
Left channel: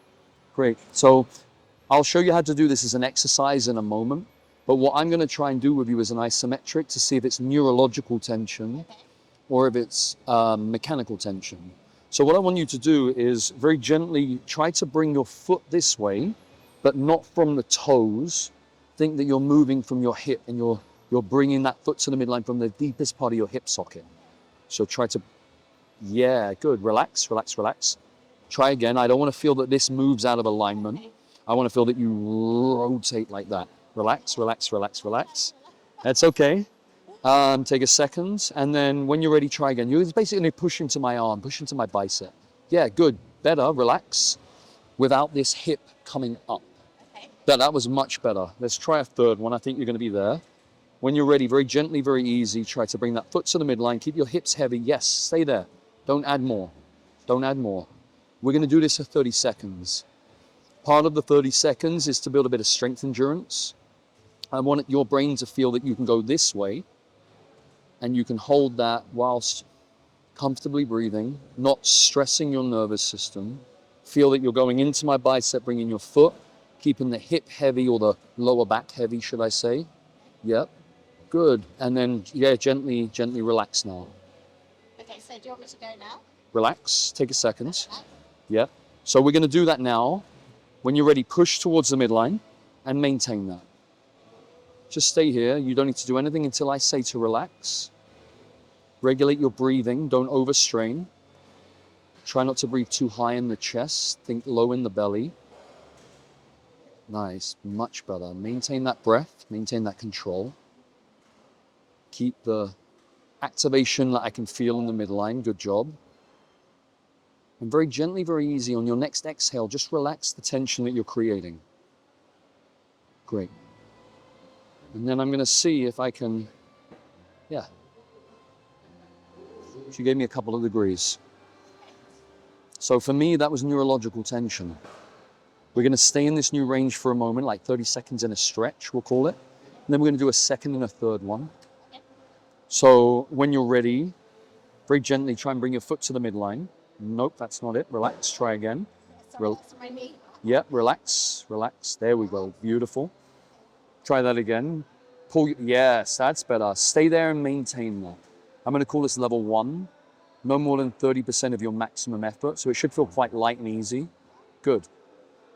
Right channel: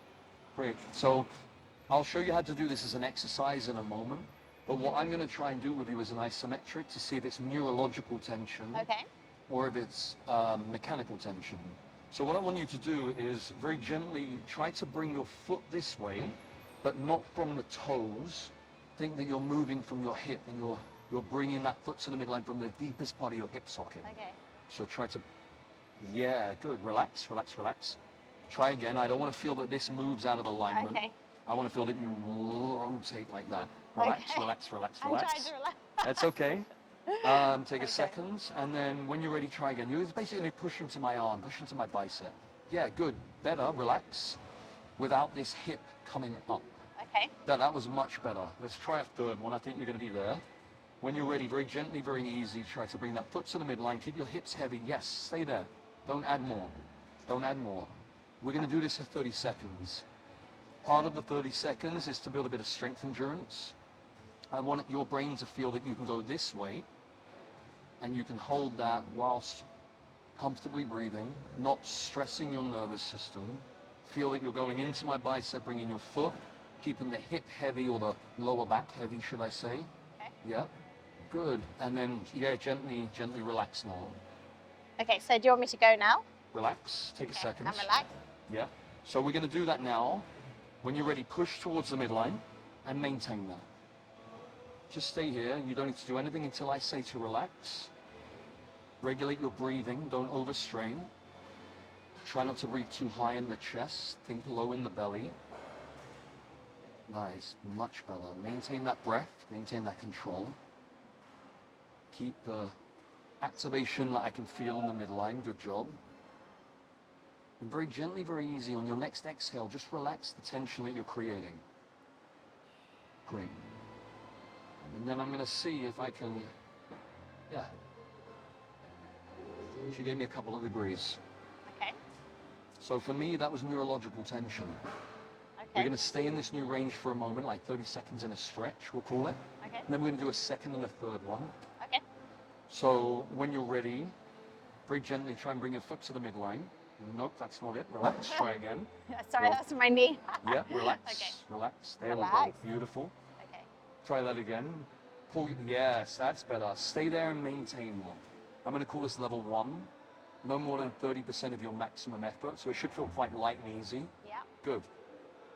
Great. So I'll show you how to do this as an exercise in a moment. But what I'm going to try and do with you is an isometric to see if it's neurological tension or if it's mechanical tension. So what I want you to do is very gently try to bring your foot this way but not from the toes. Think that you're moving from your hip and you're bringing that foot to the midline from the deepest part of your hip socket. Okay. So try to, yeah, good. Relax, relax, relax. Try again. I don't want to feel that this moves out of alignment. Okay. I want to feel that you rotate like that. Relax, Okay. relax, relax, I'm relax. trying to relax. That's okay. Take a second, and then when you're ready, try again. You're basically pushing to my arm, pushing to my bicep. Yeah, good. Better. Relax. Without this hip coming up. Okay. That was much better. Let's try a third one. I think you're going to be there. When you're ready, very gently, very easy, try to bring that foot to the midline. Keep your hips heavy. Yes, stay there. Don't add more. Don't add more. We're going to do this for 30 seconds. Part of the 30 seconds is to build a bit of strength endurance. I want your brain to feel that you can go this way and you can hold that whilst comfortably breathing, not stressing your nervous system. Feel that you're going into my bicep, bringing your foot, keeping the hip heavy or the lower back heavy, should I say? Okay. Yep. Good. And then, yeah, gently, gently relax now. Okay, so do you want me to go now? Relax. Take a second. I'm relaxed. Yeah. So we're going to do that now. When you're ready, push towards the midline and maintain that. Just stay here. You don't need to do anything until I say to relax. Regulate your breathing. Don't overstrain. Try not to breathe too high in the chest. Think low in the belly. Nice. Much better. Maintain that breath. Maintain that control. Keep the activation that I can feel in the midline. Good job. And very gently, very easy, on your next exhale, just relax the tension that you're creating. Great. And then I'm going to see if I can, yeah. She gave me a couple of degrees. Okay. So for me, that was neurological tension. Okay. We're going to stay in this new range for a moment, like 30 seconds in a stretch, we'll call it. Okay. And then we're going to do a second and a third one. Okay. So when you're ready, very gently try and bring your foot to the midline. Nope, that's not it. Relax, try again. Sorry, that's my knee. Yep, relax, relax. There we go, Relax. beautiful. Okay. Try that again. Pull, yes, that's better. Stay there and maintain that. I'm going to call this level 1. No more than 30% of your maximum effort, so it should feel quite light and easy. Yeah. Good.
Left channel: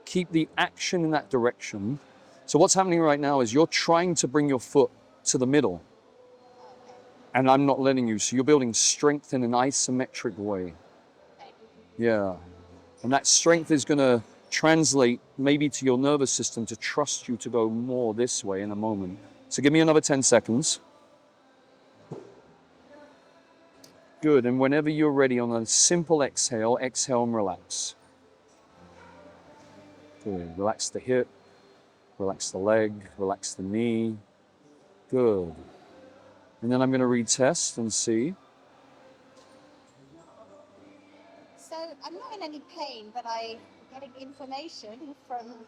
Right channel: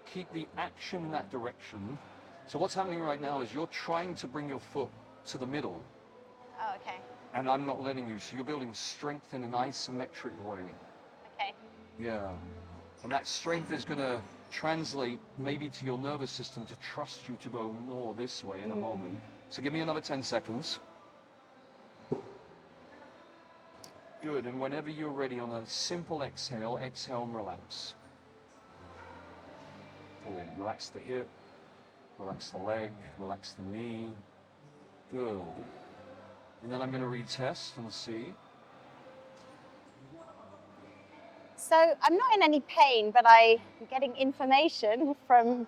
Keep the action in that direction. So what's happening right now is you're trying to bring your foot to the middle, Oh, okay. and I'm not letting you. So you're building strength in an isometric way. Okay. Yeah. And that strength is going to translate maybe to your nervous system to trust you to go more this way in a moment. So give me another 10 seconds. Good. And whenever you're ready, on a simple exhale, exhale and relax. Good. Relax the hip, relax the leg, relax the knee. Good. And then I'm going to retest and see. So I'm not in any pain, but I'm getting information from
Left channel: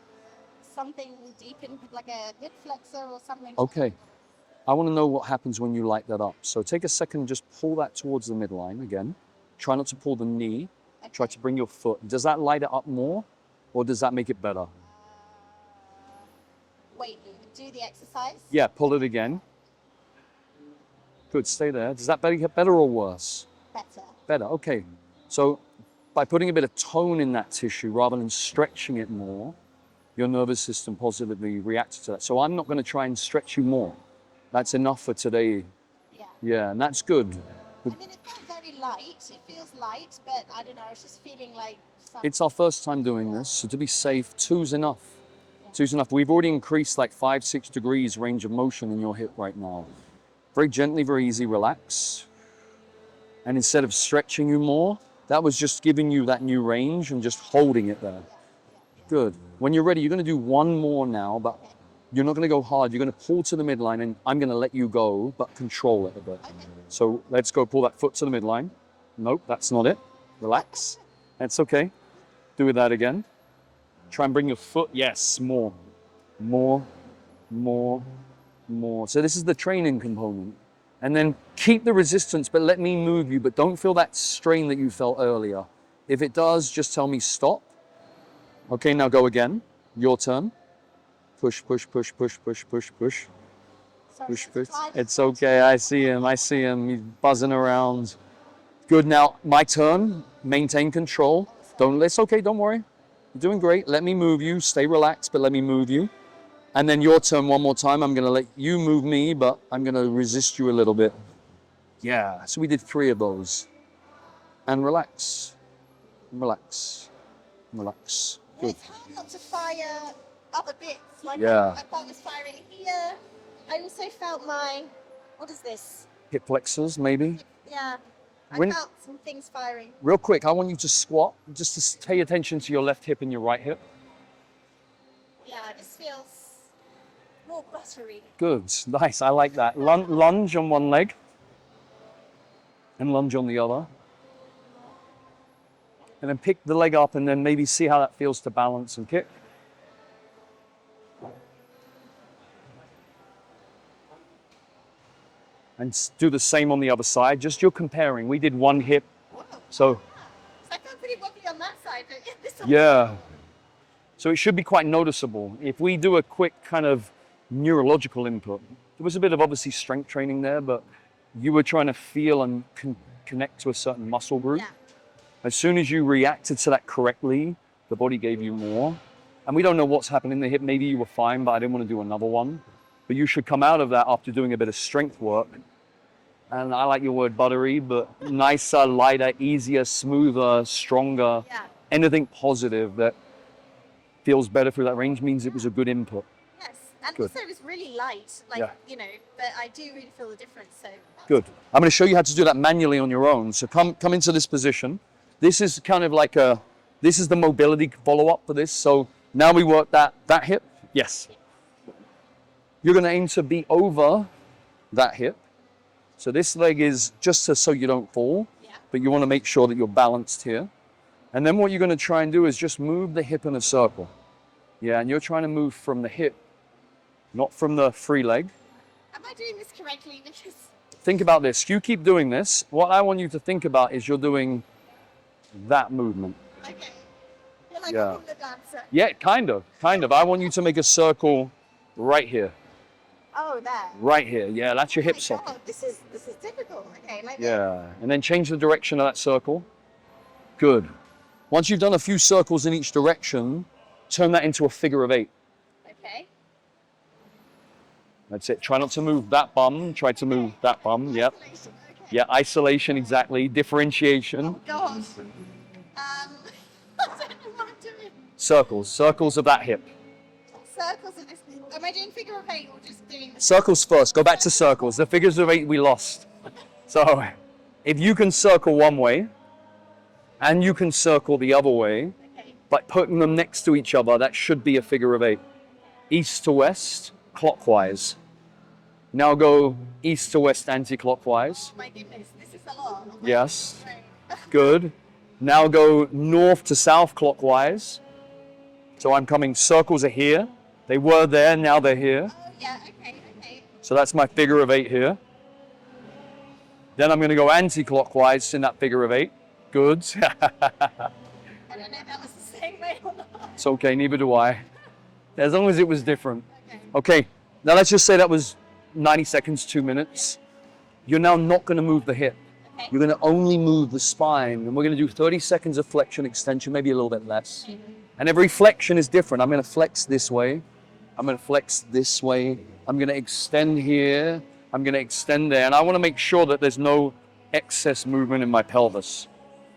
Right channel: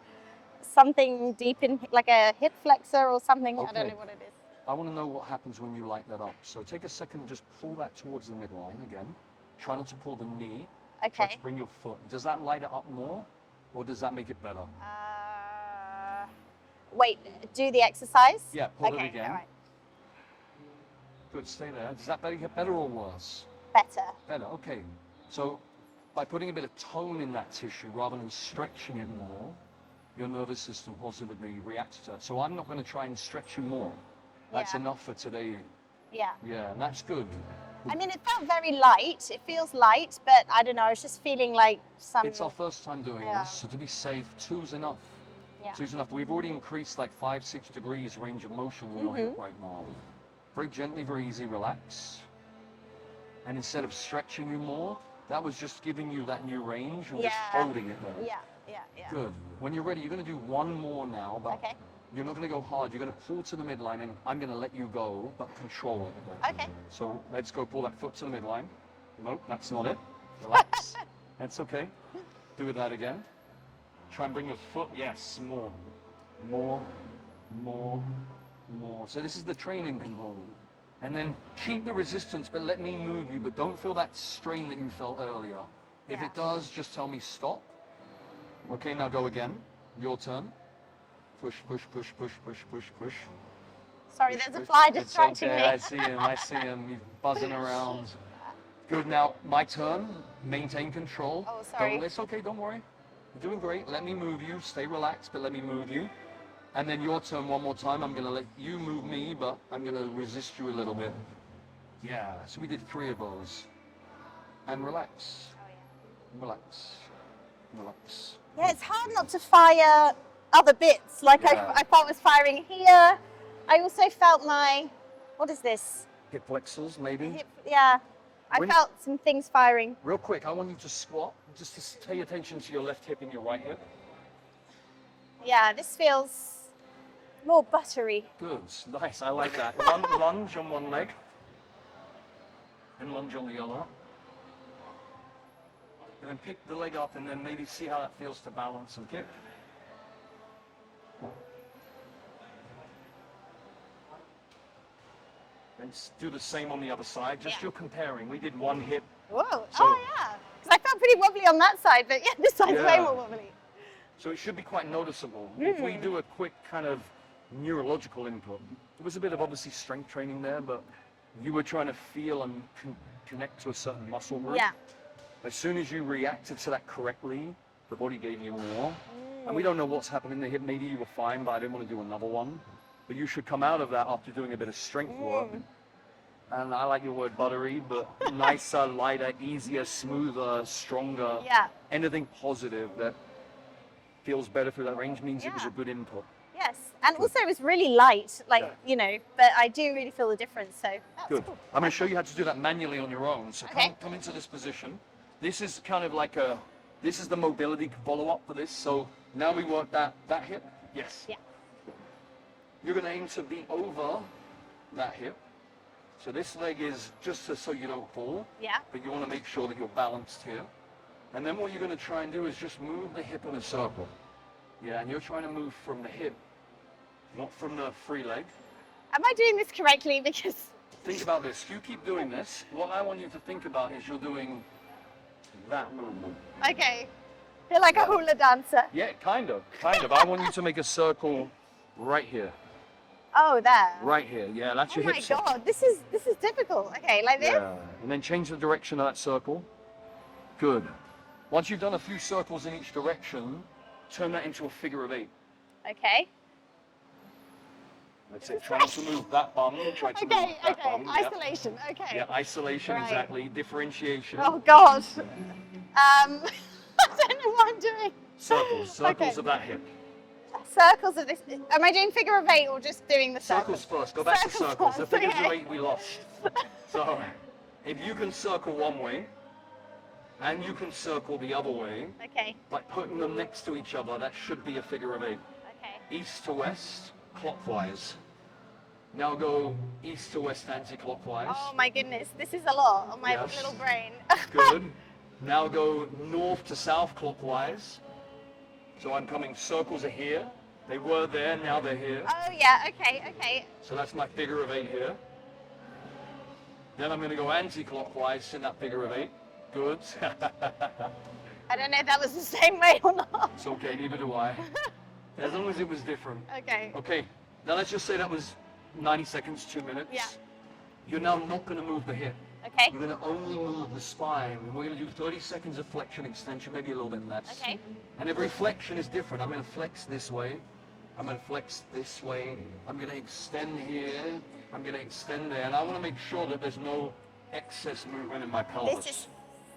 something deep in, like a hip flexor or something. I Okay. don't know what it is. I want to know what happens when you light that up. So take a second, just pull that towards the midline again. Try not to pull the knee. Okay. Try to bring your foot. Does that light it up more, or does that make it better? Wait, do the exercise? Yeah, pull it Okay, again. all right. Good, stay there. Does that get better or worse? Better. Better, okay. So by putting a bit of tone in that tissue rather than stretching it more, your nervous system positively reacts to that. So I'm not going to try and stretch you more. That's Yeah. enough for today. Yeah. Yeah, and that's good. I mean, it felt very light. It feels light, but I don't know. I was just feeling like some. It's our first time doing Yeah. this, so to be safe, 2's enough. Yeah. 2's enough. We've already increased like 5-6 degrees range of motion in your hip right now. Very gently, very easy, relax. And instead of stretching you more, that was just giving you that new range and just Yeah. holding it there. Yeah, yeah, yeah. Good. When you're ready, you're going to do one more now, but Okay. you're not going to go hard. You're going to pull to the midline, and I'm going to let you go, but control it a bit. Okay. So let's go pull that foot to the midline. Nope, that's not it. Relax. That's okay. Do that again. Try and bring your foot. Yes, more. More, more, more. So this is the training component. And then keep the resistance, but let me move you, but don't feel that strain that you felt earlier. If it does, just tell me stop. Okay, now go again. Your turn. Push, push, push, push, push, push, push. Sorry, Push, there's a push. fly It's distracting okay, me. I see him, I see him. He's buzzing around. Good, now my turn. Maintain control. Oh, sorry. Don't, it's okay, don't worry. You're doing great. Let me move you. Stay relaxed, but let me move you. And then your turn one more time. I'm going to let you move me, but I'm going to resist you a little bit. Yeah, so we did 3 of those. And relax. Relax. Relax. Yeah, it's hard not to fire other bits. Like Yeah. I felt I was firing here. I also felt my, what is this? Hip flexors, maybe. Hip, yeah, I When- felt some things firing. Real quick, I want you to squat, just to pay attention to your left hip and your right hip. Yeah, this feels more buttery. Good, nice, I like that. Lunge on one leg and lunge on the other. And then pick the leg up and then maybe see how that feels to balance and kick. And do the same on the other side, just you're comparing. We did one hip. Whoa, So- oh yeah. Because I felt pretty wobbly on that side, but yeah, this side's Yeah. way more wobbly. So it should be quite noticeable. If we do a quick kind of neurological input, there was a bit of obviously strength training there, but you were trying to feel and connect to a certain muscle group. Yeah. As soon as you reacted to that correctly, the body gave you more. And we don't know what's happened in the hip. Maybe you were fine, but I didn't want to do another one. But you should come out of that after doing a bit of strength work. And I like your word buttery, but nicer, lighter, easier, smoother, stronger. Yeah. Anything positive that feels better through that range means it was a good input. Yes. And Good. also it was really light, like, Yeah. you know, but I do really feel the difference. So that's Good. cool. I'm going to show you how to do that manually on your own. So come into this position. This is kind of like this is the mobility follow-up for this. So now we work that hip. Yes. Yeah. You're going to aim to be over that hip. So this leg is just so you don't fall, Yeah. but you want to make sure that you're balanced here. And then what you're going to try and do is just move the hip in a circle. Yeah, and you're trying to move from the hip, not from the free leg. Am I doing this correctly? Because Think about this. You keep doing this. What I want you to think about is you're doing that movement. okay, I feel like Yeah. a hula dancer. Yeah, kind of. I want you to make a circle right here. Oh, there. Right here. Yeah, that's your Oh hip my circle. God, this is difficult. Okay, like this. Yeah, and then change the direction of that circle. Good. Once you've done a few circles in each direction, turn that into a figure of 8. Okay. That's it. Try not to move that bum. Try to move that bum. Yep. Isolation. Okay. Yeah, isolation, Right. exactly. Differentiation. Oh God. I don't know what I'm doing. Circles of that hip. Circles of this. Am I doing figure of 8 or just doing the Circles first. Go back to Circles circles. The first, figures of okay. 8 we lost. So if you can circle one way and you can circle the other way, Okay. by putting them next to each other, that should be a figure of 8. Okay. East to west, clockwise. Now go east to west anti-clockwise. Oh my goodness, this is a lot on my Yes. little brain. Good. Now go north to south clockwise. So I'm coming, circles are here. They were there, now they're here. Oh yeah. Okay. Okay. So that's my figure of 8 here. Then I'm going to go anti-clockwise in that figure of 8. Good. I don't know if that was the same way or not. It's okay, neither do I. As long as it was different. Okay. Okay, now let's just say that was 90 seconds, 2 minutes. You're now not going to move the hip. Okay. You're going to only move the spine. And we're going to do 30 seconds of flexion, extension, maybe a little bit less. Okay. And every flexion is different. I'm going to flex this way. I'm going to flex this way. I'm going to extend here. I'm going to extend there. And I want to make sure that there's no excess movement in my pelvis.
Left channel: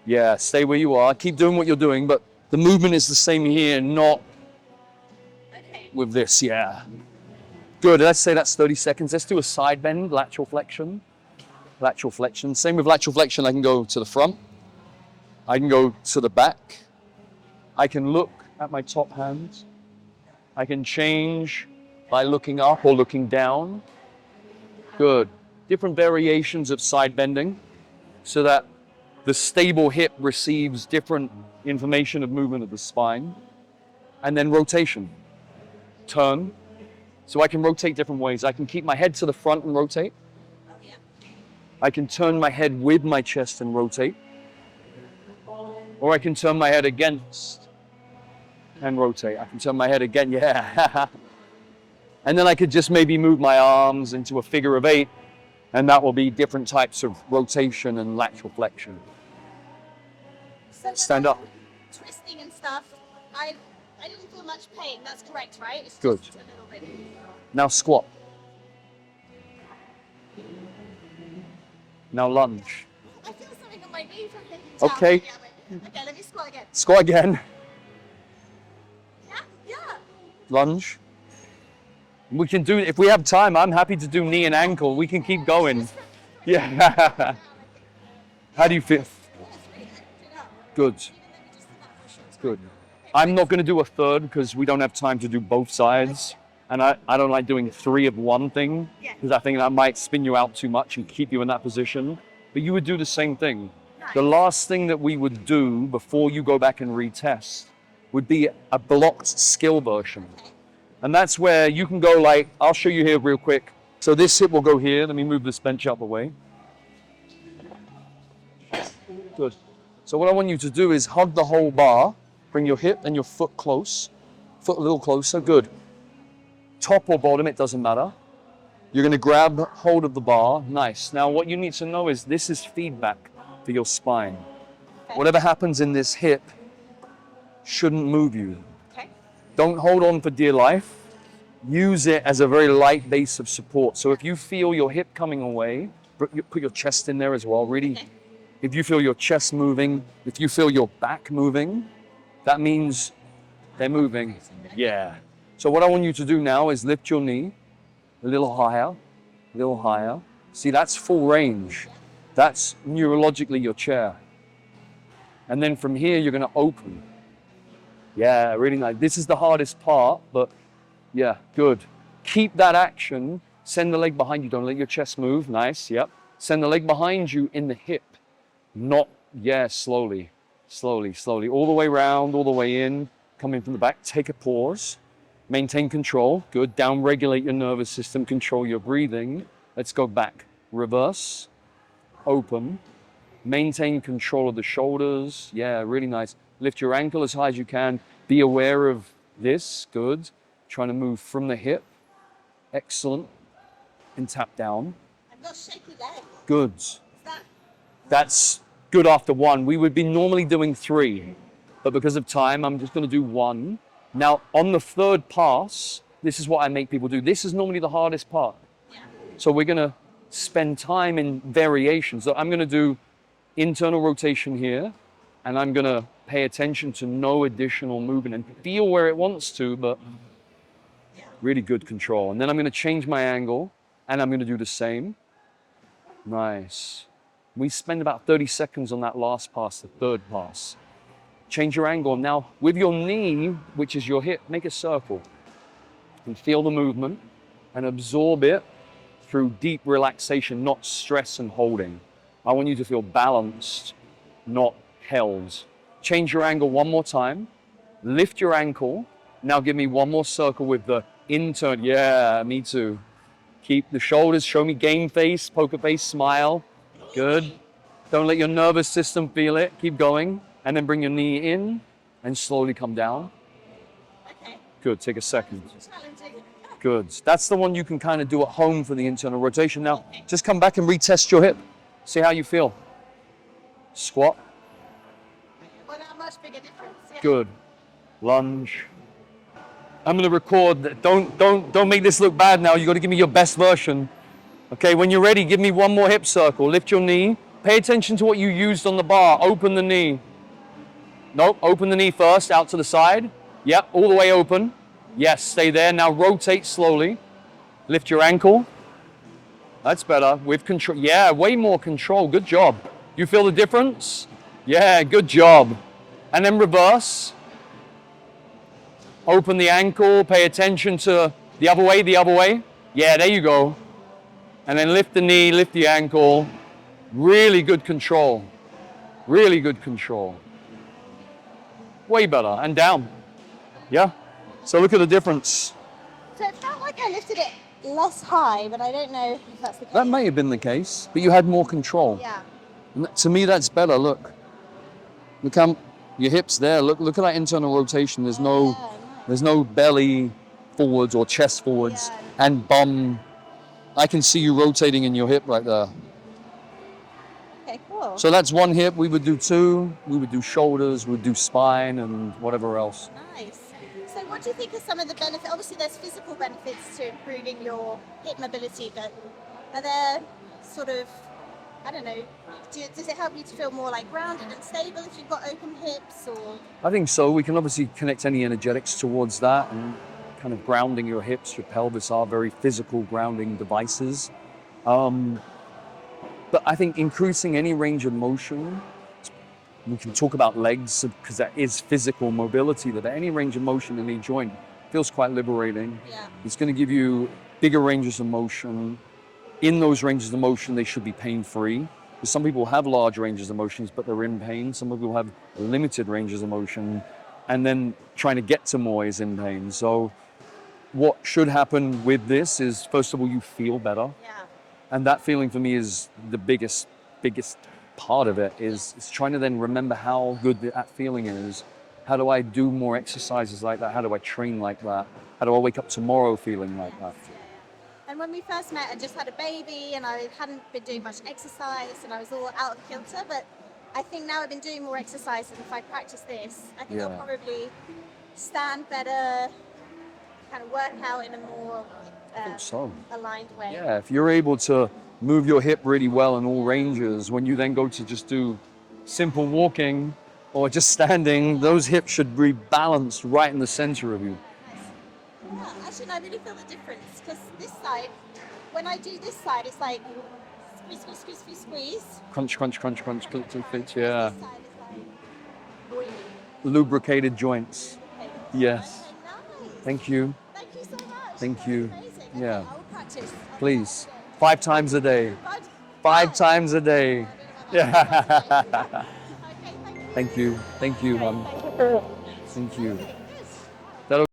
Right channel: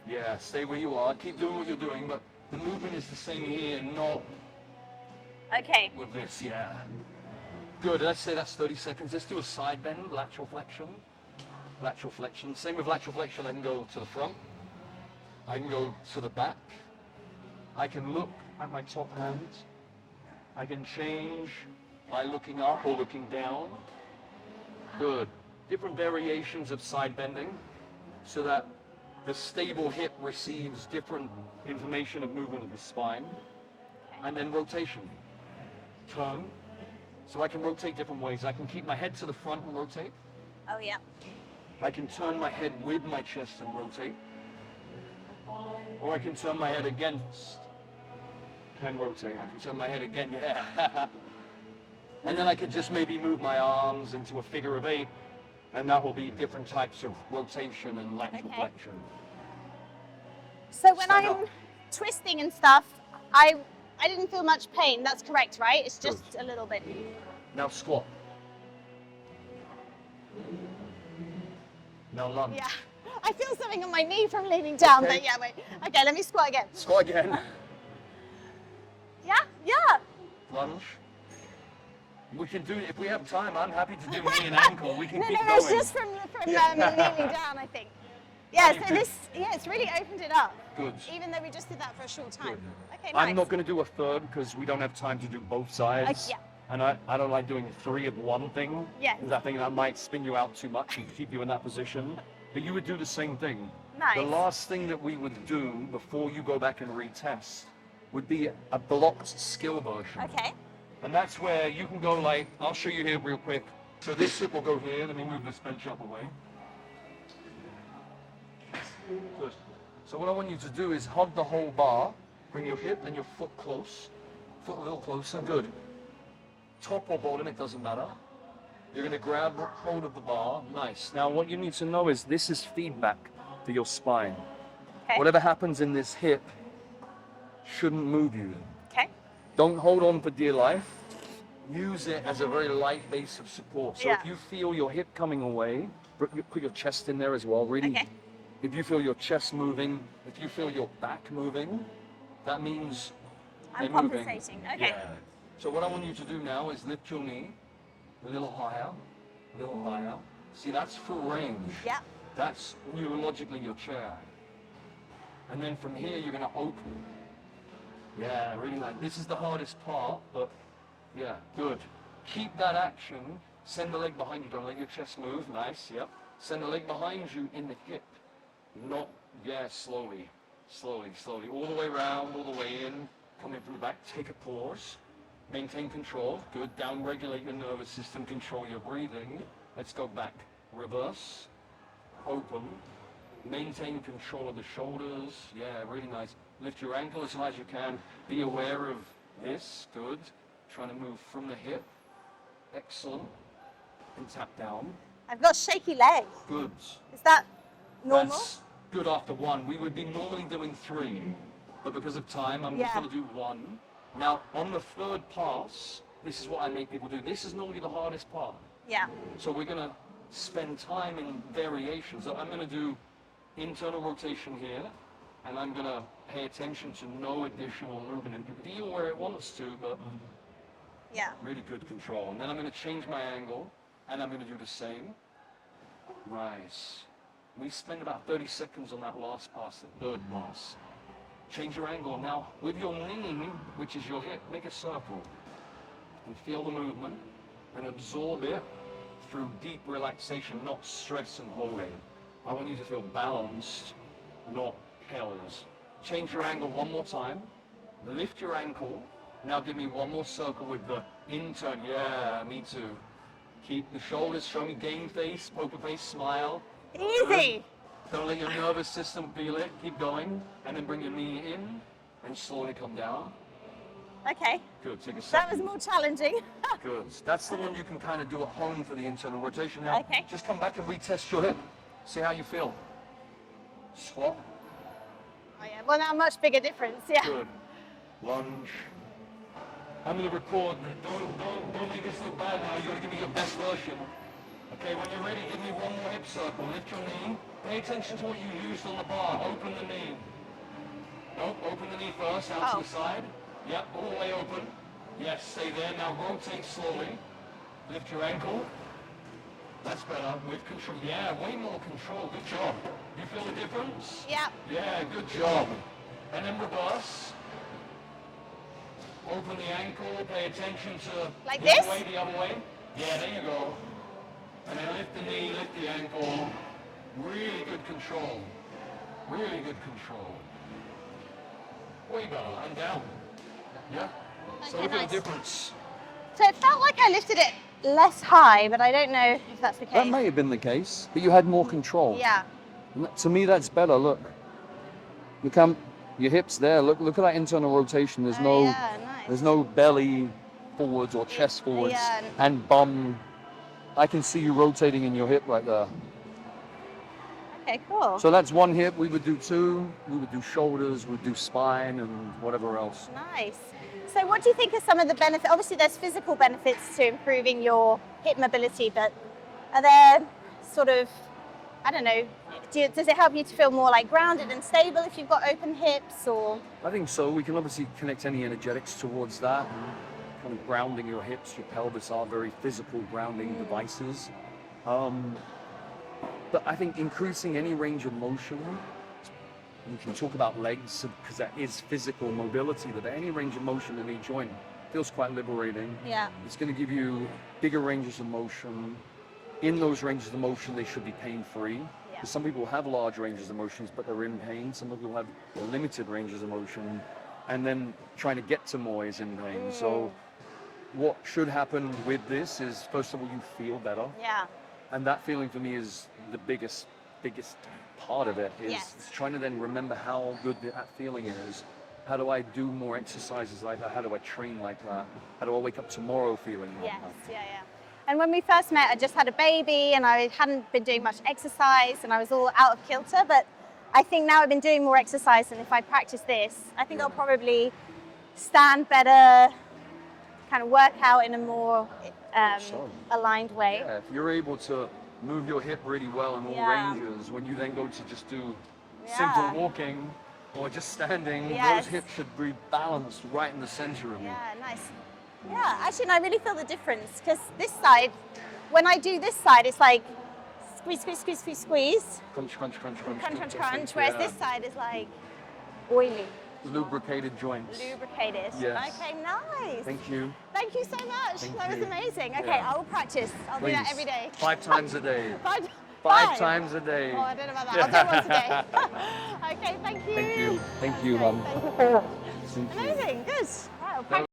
Yeah, stay where you are. Keep doing what you're doing, but the movement is the same here, not Okay. with this. Yeah. Good. Let's say that's 30 seconds. Let's do a side bend, lateral flexion. Lateral flexion. Same with lateral flexion. I can go to the front. I can go to the back. I can look at my top hands. I can change by looking up or looking down. Good. Different variations of side bending so that the stable hip receives different information of movement of the spine. And then rotation. Turn. So I can rotate different ways. I can keep my head to the front and rotate. Oh yeah. I can turn my head with my chest and rotate. Or I can turn my head against and rotate. I can turn my head again, yeah. And then I could just maybe move my arms into a figure of 8, and that will be different types of rotation and lateral Okay. flexion. So when Stand I'm up. twisting and stuff, I didn't feel much pain. That's correct, right? It's just a little bit. Now squat. Now lunge. Yeah. I feel something on my knee from leaning down. Okay. But yeah, wait. Okay, let me squat again. Squat again. Yeah, yeah. Lunge. We can do, if we have time, I'm happy to do knee and ankle. We can keep going. It's just from Yeah. kneeling down, I think. Yeah, How do you feel? Yeah, it's really opened it up. Good. Even though we just did that for a short time. Good. Okay, I'm nice. not going to do a third because we don't have time to do both sides. Yeah. And I don't like doing 3 of one thing. Yeah. Because I think that might spin you out too much and keep you in that position. But you would do the same thing. Nice. The last thing that we would do before you go back and retest would be a blocked skill version. Okay. And that's where you can go like, I'll show you here real quick. So this hip will go here. Let me move this bench out the way. Good. So what I want you to do is hug the whole bar. Bring your hip and your foot close. Foot a little closer. Good. Top or bottom, it doesn't matter. You're going to grab hold of the bar. Nice. Now what you need to know is this is feedback for your spine. Okay. Whatever happens in this hip shouldn't move you. Okay. Don't hold on for dear life. Use it as a very light base of support. So if Yeah. you feel your hip coming away, put your chest in there as well. Really, Okay. if you feel your chest moving, if you feel your back moving, that means they're moving. compensating, okay. Yeah. So what I want you to do now is lift your knee a little higher, a little higher. See, that's full range. Yeah. That's neurologically your chair. And then from here, you're going to open. Yeah, really nice. This is the hardest part, but yeah, good. Keep that action. Send the leg behind you. Don't let your chest move. Nice, yep. Send the leg behind you in the hip. Not, yeah, slowly, slowly, slowly. All the way around, all the way in. Come in from the back. Take a pause. Maintain control. Good. Down regulate your nervous system. Control your breathing. Let's go back. Reverse. Open. Maintain control of the shoulders. Yeah, really nice. Lift your ankle as high as you can. Be aware of this. Good. Trying to move from the hip. Excellent. And tap down. I've got shaky legs. Good. Is that normal? That's good after 1. We would be normally doing 3, but because of time, I'm just Yeah. going to do 1. Now, on the 3rd pass, this is what I make people do. This is normally the hardest part. Yeah. So we're going to spend time in variations. So I'm going to do internal rotation here, and I'm going to pay attention to no additional movement and feel where it wants to, but Yeah. really good control. And then I'm going to change my angle, and I'm going to do the same. Nice. We spend about 30 seconds on that last pass, the 3rd pass. Change your angle. Now, with your knee, which is your hip, make a circle. And feel the movement and absorb it through deep relaxation, not stress and holding. I want you to feel balanced, not held. Change your angle one more time. Lift your ankle. Now give me one more circle with the intern. Yeah, me too. Keep the shoulders, show me game face, poker face, smile. Easy. Good. Don't let your nervous system feel it. Keep going. And then bring your knee in and slowly come down. Okay. Good, take a That second. was more challenging. Good. That's the one you can kind of do at home for the internal rotation. Now, Okay. just come back and retest your hip. See how you feel. Squat. Oh, yeah. Well, now much bigger difference. Yeah. Good. Lunge. I'm going to record. Don't make this look bad now. You got to give me your best version. Okay, when you're ready, give me one more hip circle. Lift your knee. Pay attention to what you used on the bar. Open the knee. Nope, open the knee first, out to the side. Yep, all the way open. Yes, stay there. Now rotate slowly. Lift your ankle. That's better. With control. Yeah, way more control. Good job. You feel the difference? Yeah. Yeah, good job. And then reverse. Open the ankle. Pay attention to Like the other this? way, the other way. Yeah, there you go. And then lift the knee, lift the ankle. Really good control. Really good control. Way better. And down. Yeah? So look at the difference. So it felt like I lifted it less high, but I don't know if that's the case. That may have been the case, but you had more control. Yeah. And to me, that's better. Look. Look how your hips there. Look at that internal rotation. There's no, Yeah, nice. there's no belly forwards or chest forwards Yeah. and bum. I can see you rotating in your hip right there. Okay. Okay, cool. So that's one hip. We would do two. We would do shoulders. We'd do spine and whatever else. Nice. So what do you think are some of the benefits? Obviously, there's physical benefits to improving your hip mobility, but are there sort of, I don't know, does it help you to feel more like grounded and stable if you've got open hips, or? I think so. We can obviously connect any energetics towards that, and kind of grounding your hips, your pelvis are very physical grounding devices. But I think increasing any range of motion, we can talk about legs because that is physical mobility, that any range of motion in a joint feels quite liberating. Yeah. It's going to give you bigger ranges of motion. In those ranges of motion, they should be pain-free. Yeah. Some people have large ranges of motions, but they're in pain. Some people have limited ranges of motion, and then trying to get to more is in pain. So what should happen with this is, first of all, you feel better. Yeah. And that feeling for me is the biggest part of it, is Yes. it's trying to then remember how good that feeling is. How do I do more exercises like that? How do I train like that? How do I wake up tomorrow feeling like Yes, that? yeah. And when we first met, I just had a baby and I hadn't been doing much exercise and I was all out of kilter, but I think now I've been doing more exercise, and if I practice this, I think I'll Yeah. probably stand better, kind of work out in a more so. aligned way. Yeah, if you're able to move your hip really well in all Yeah. ranges, when you then go to just do simple Yeah. walking or just standing, Yes. those hips should be balanced right in the center of you. Yeah, nice. Yeah, actually, and I really feel the difference because this side, when I do this side, it's like squeeze, squeeze, squeeze, squeeze, squeeze, Crunch, crunch, crunch, crunch, crunch, crunch, crunch, crunch, yeah. whereas this side is like oily, Lubricated joints. lubricated. Yes. Okay, nice. Thank you. Thank you so much. Thank that you. was amazing. Okay, Yeah. I will practice. I'll do Please. that every day. 5 times a day. Five, 5 times a day. Oh, I don't know about that. I'll do one today. Okay, thank you. Thank you. Thank you, Great, Mum. thank you. Thank you. Amazing.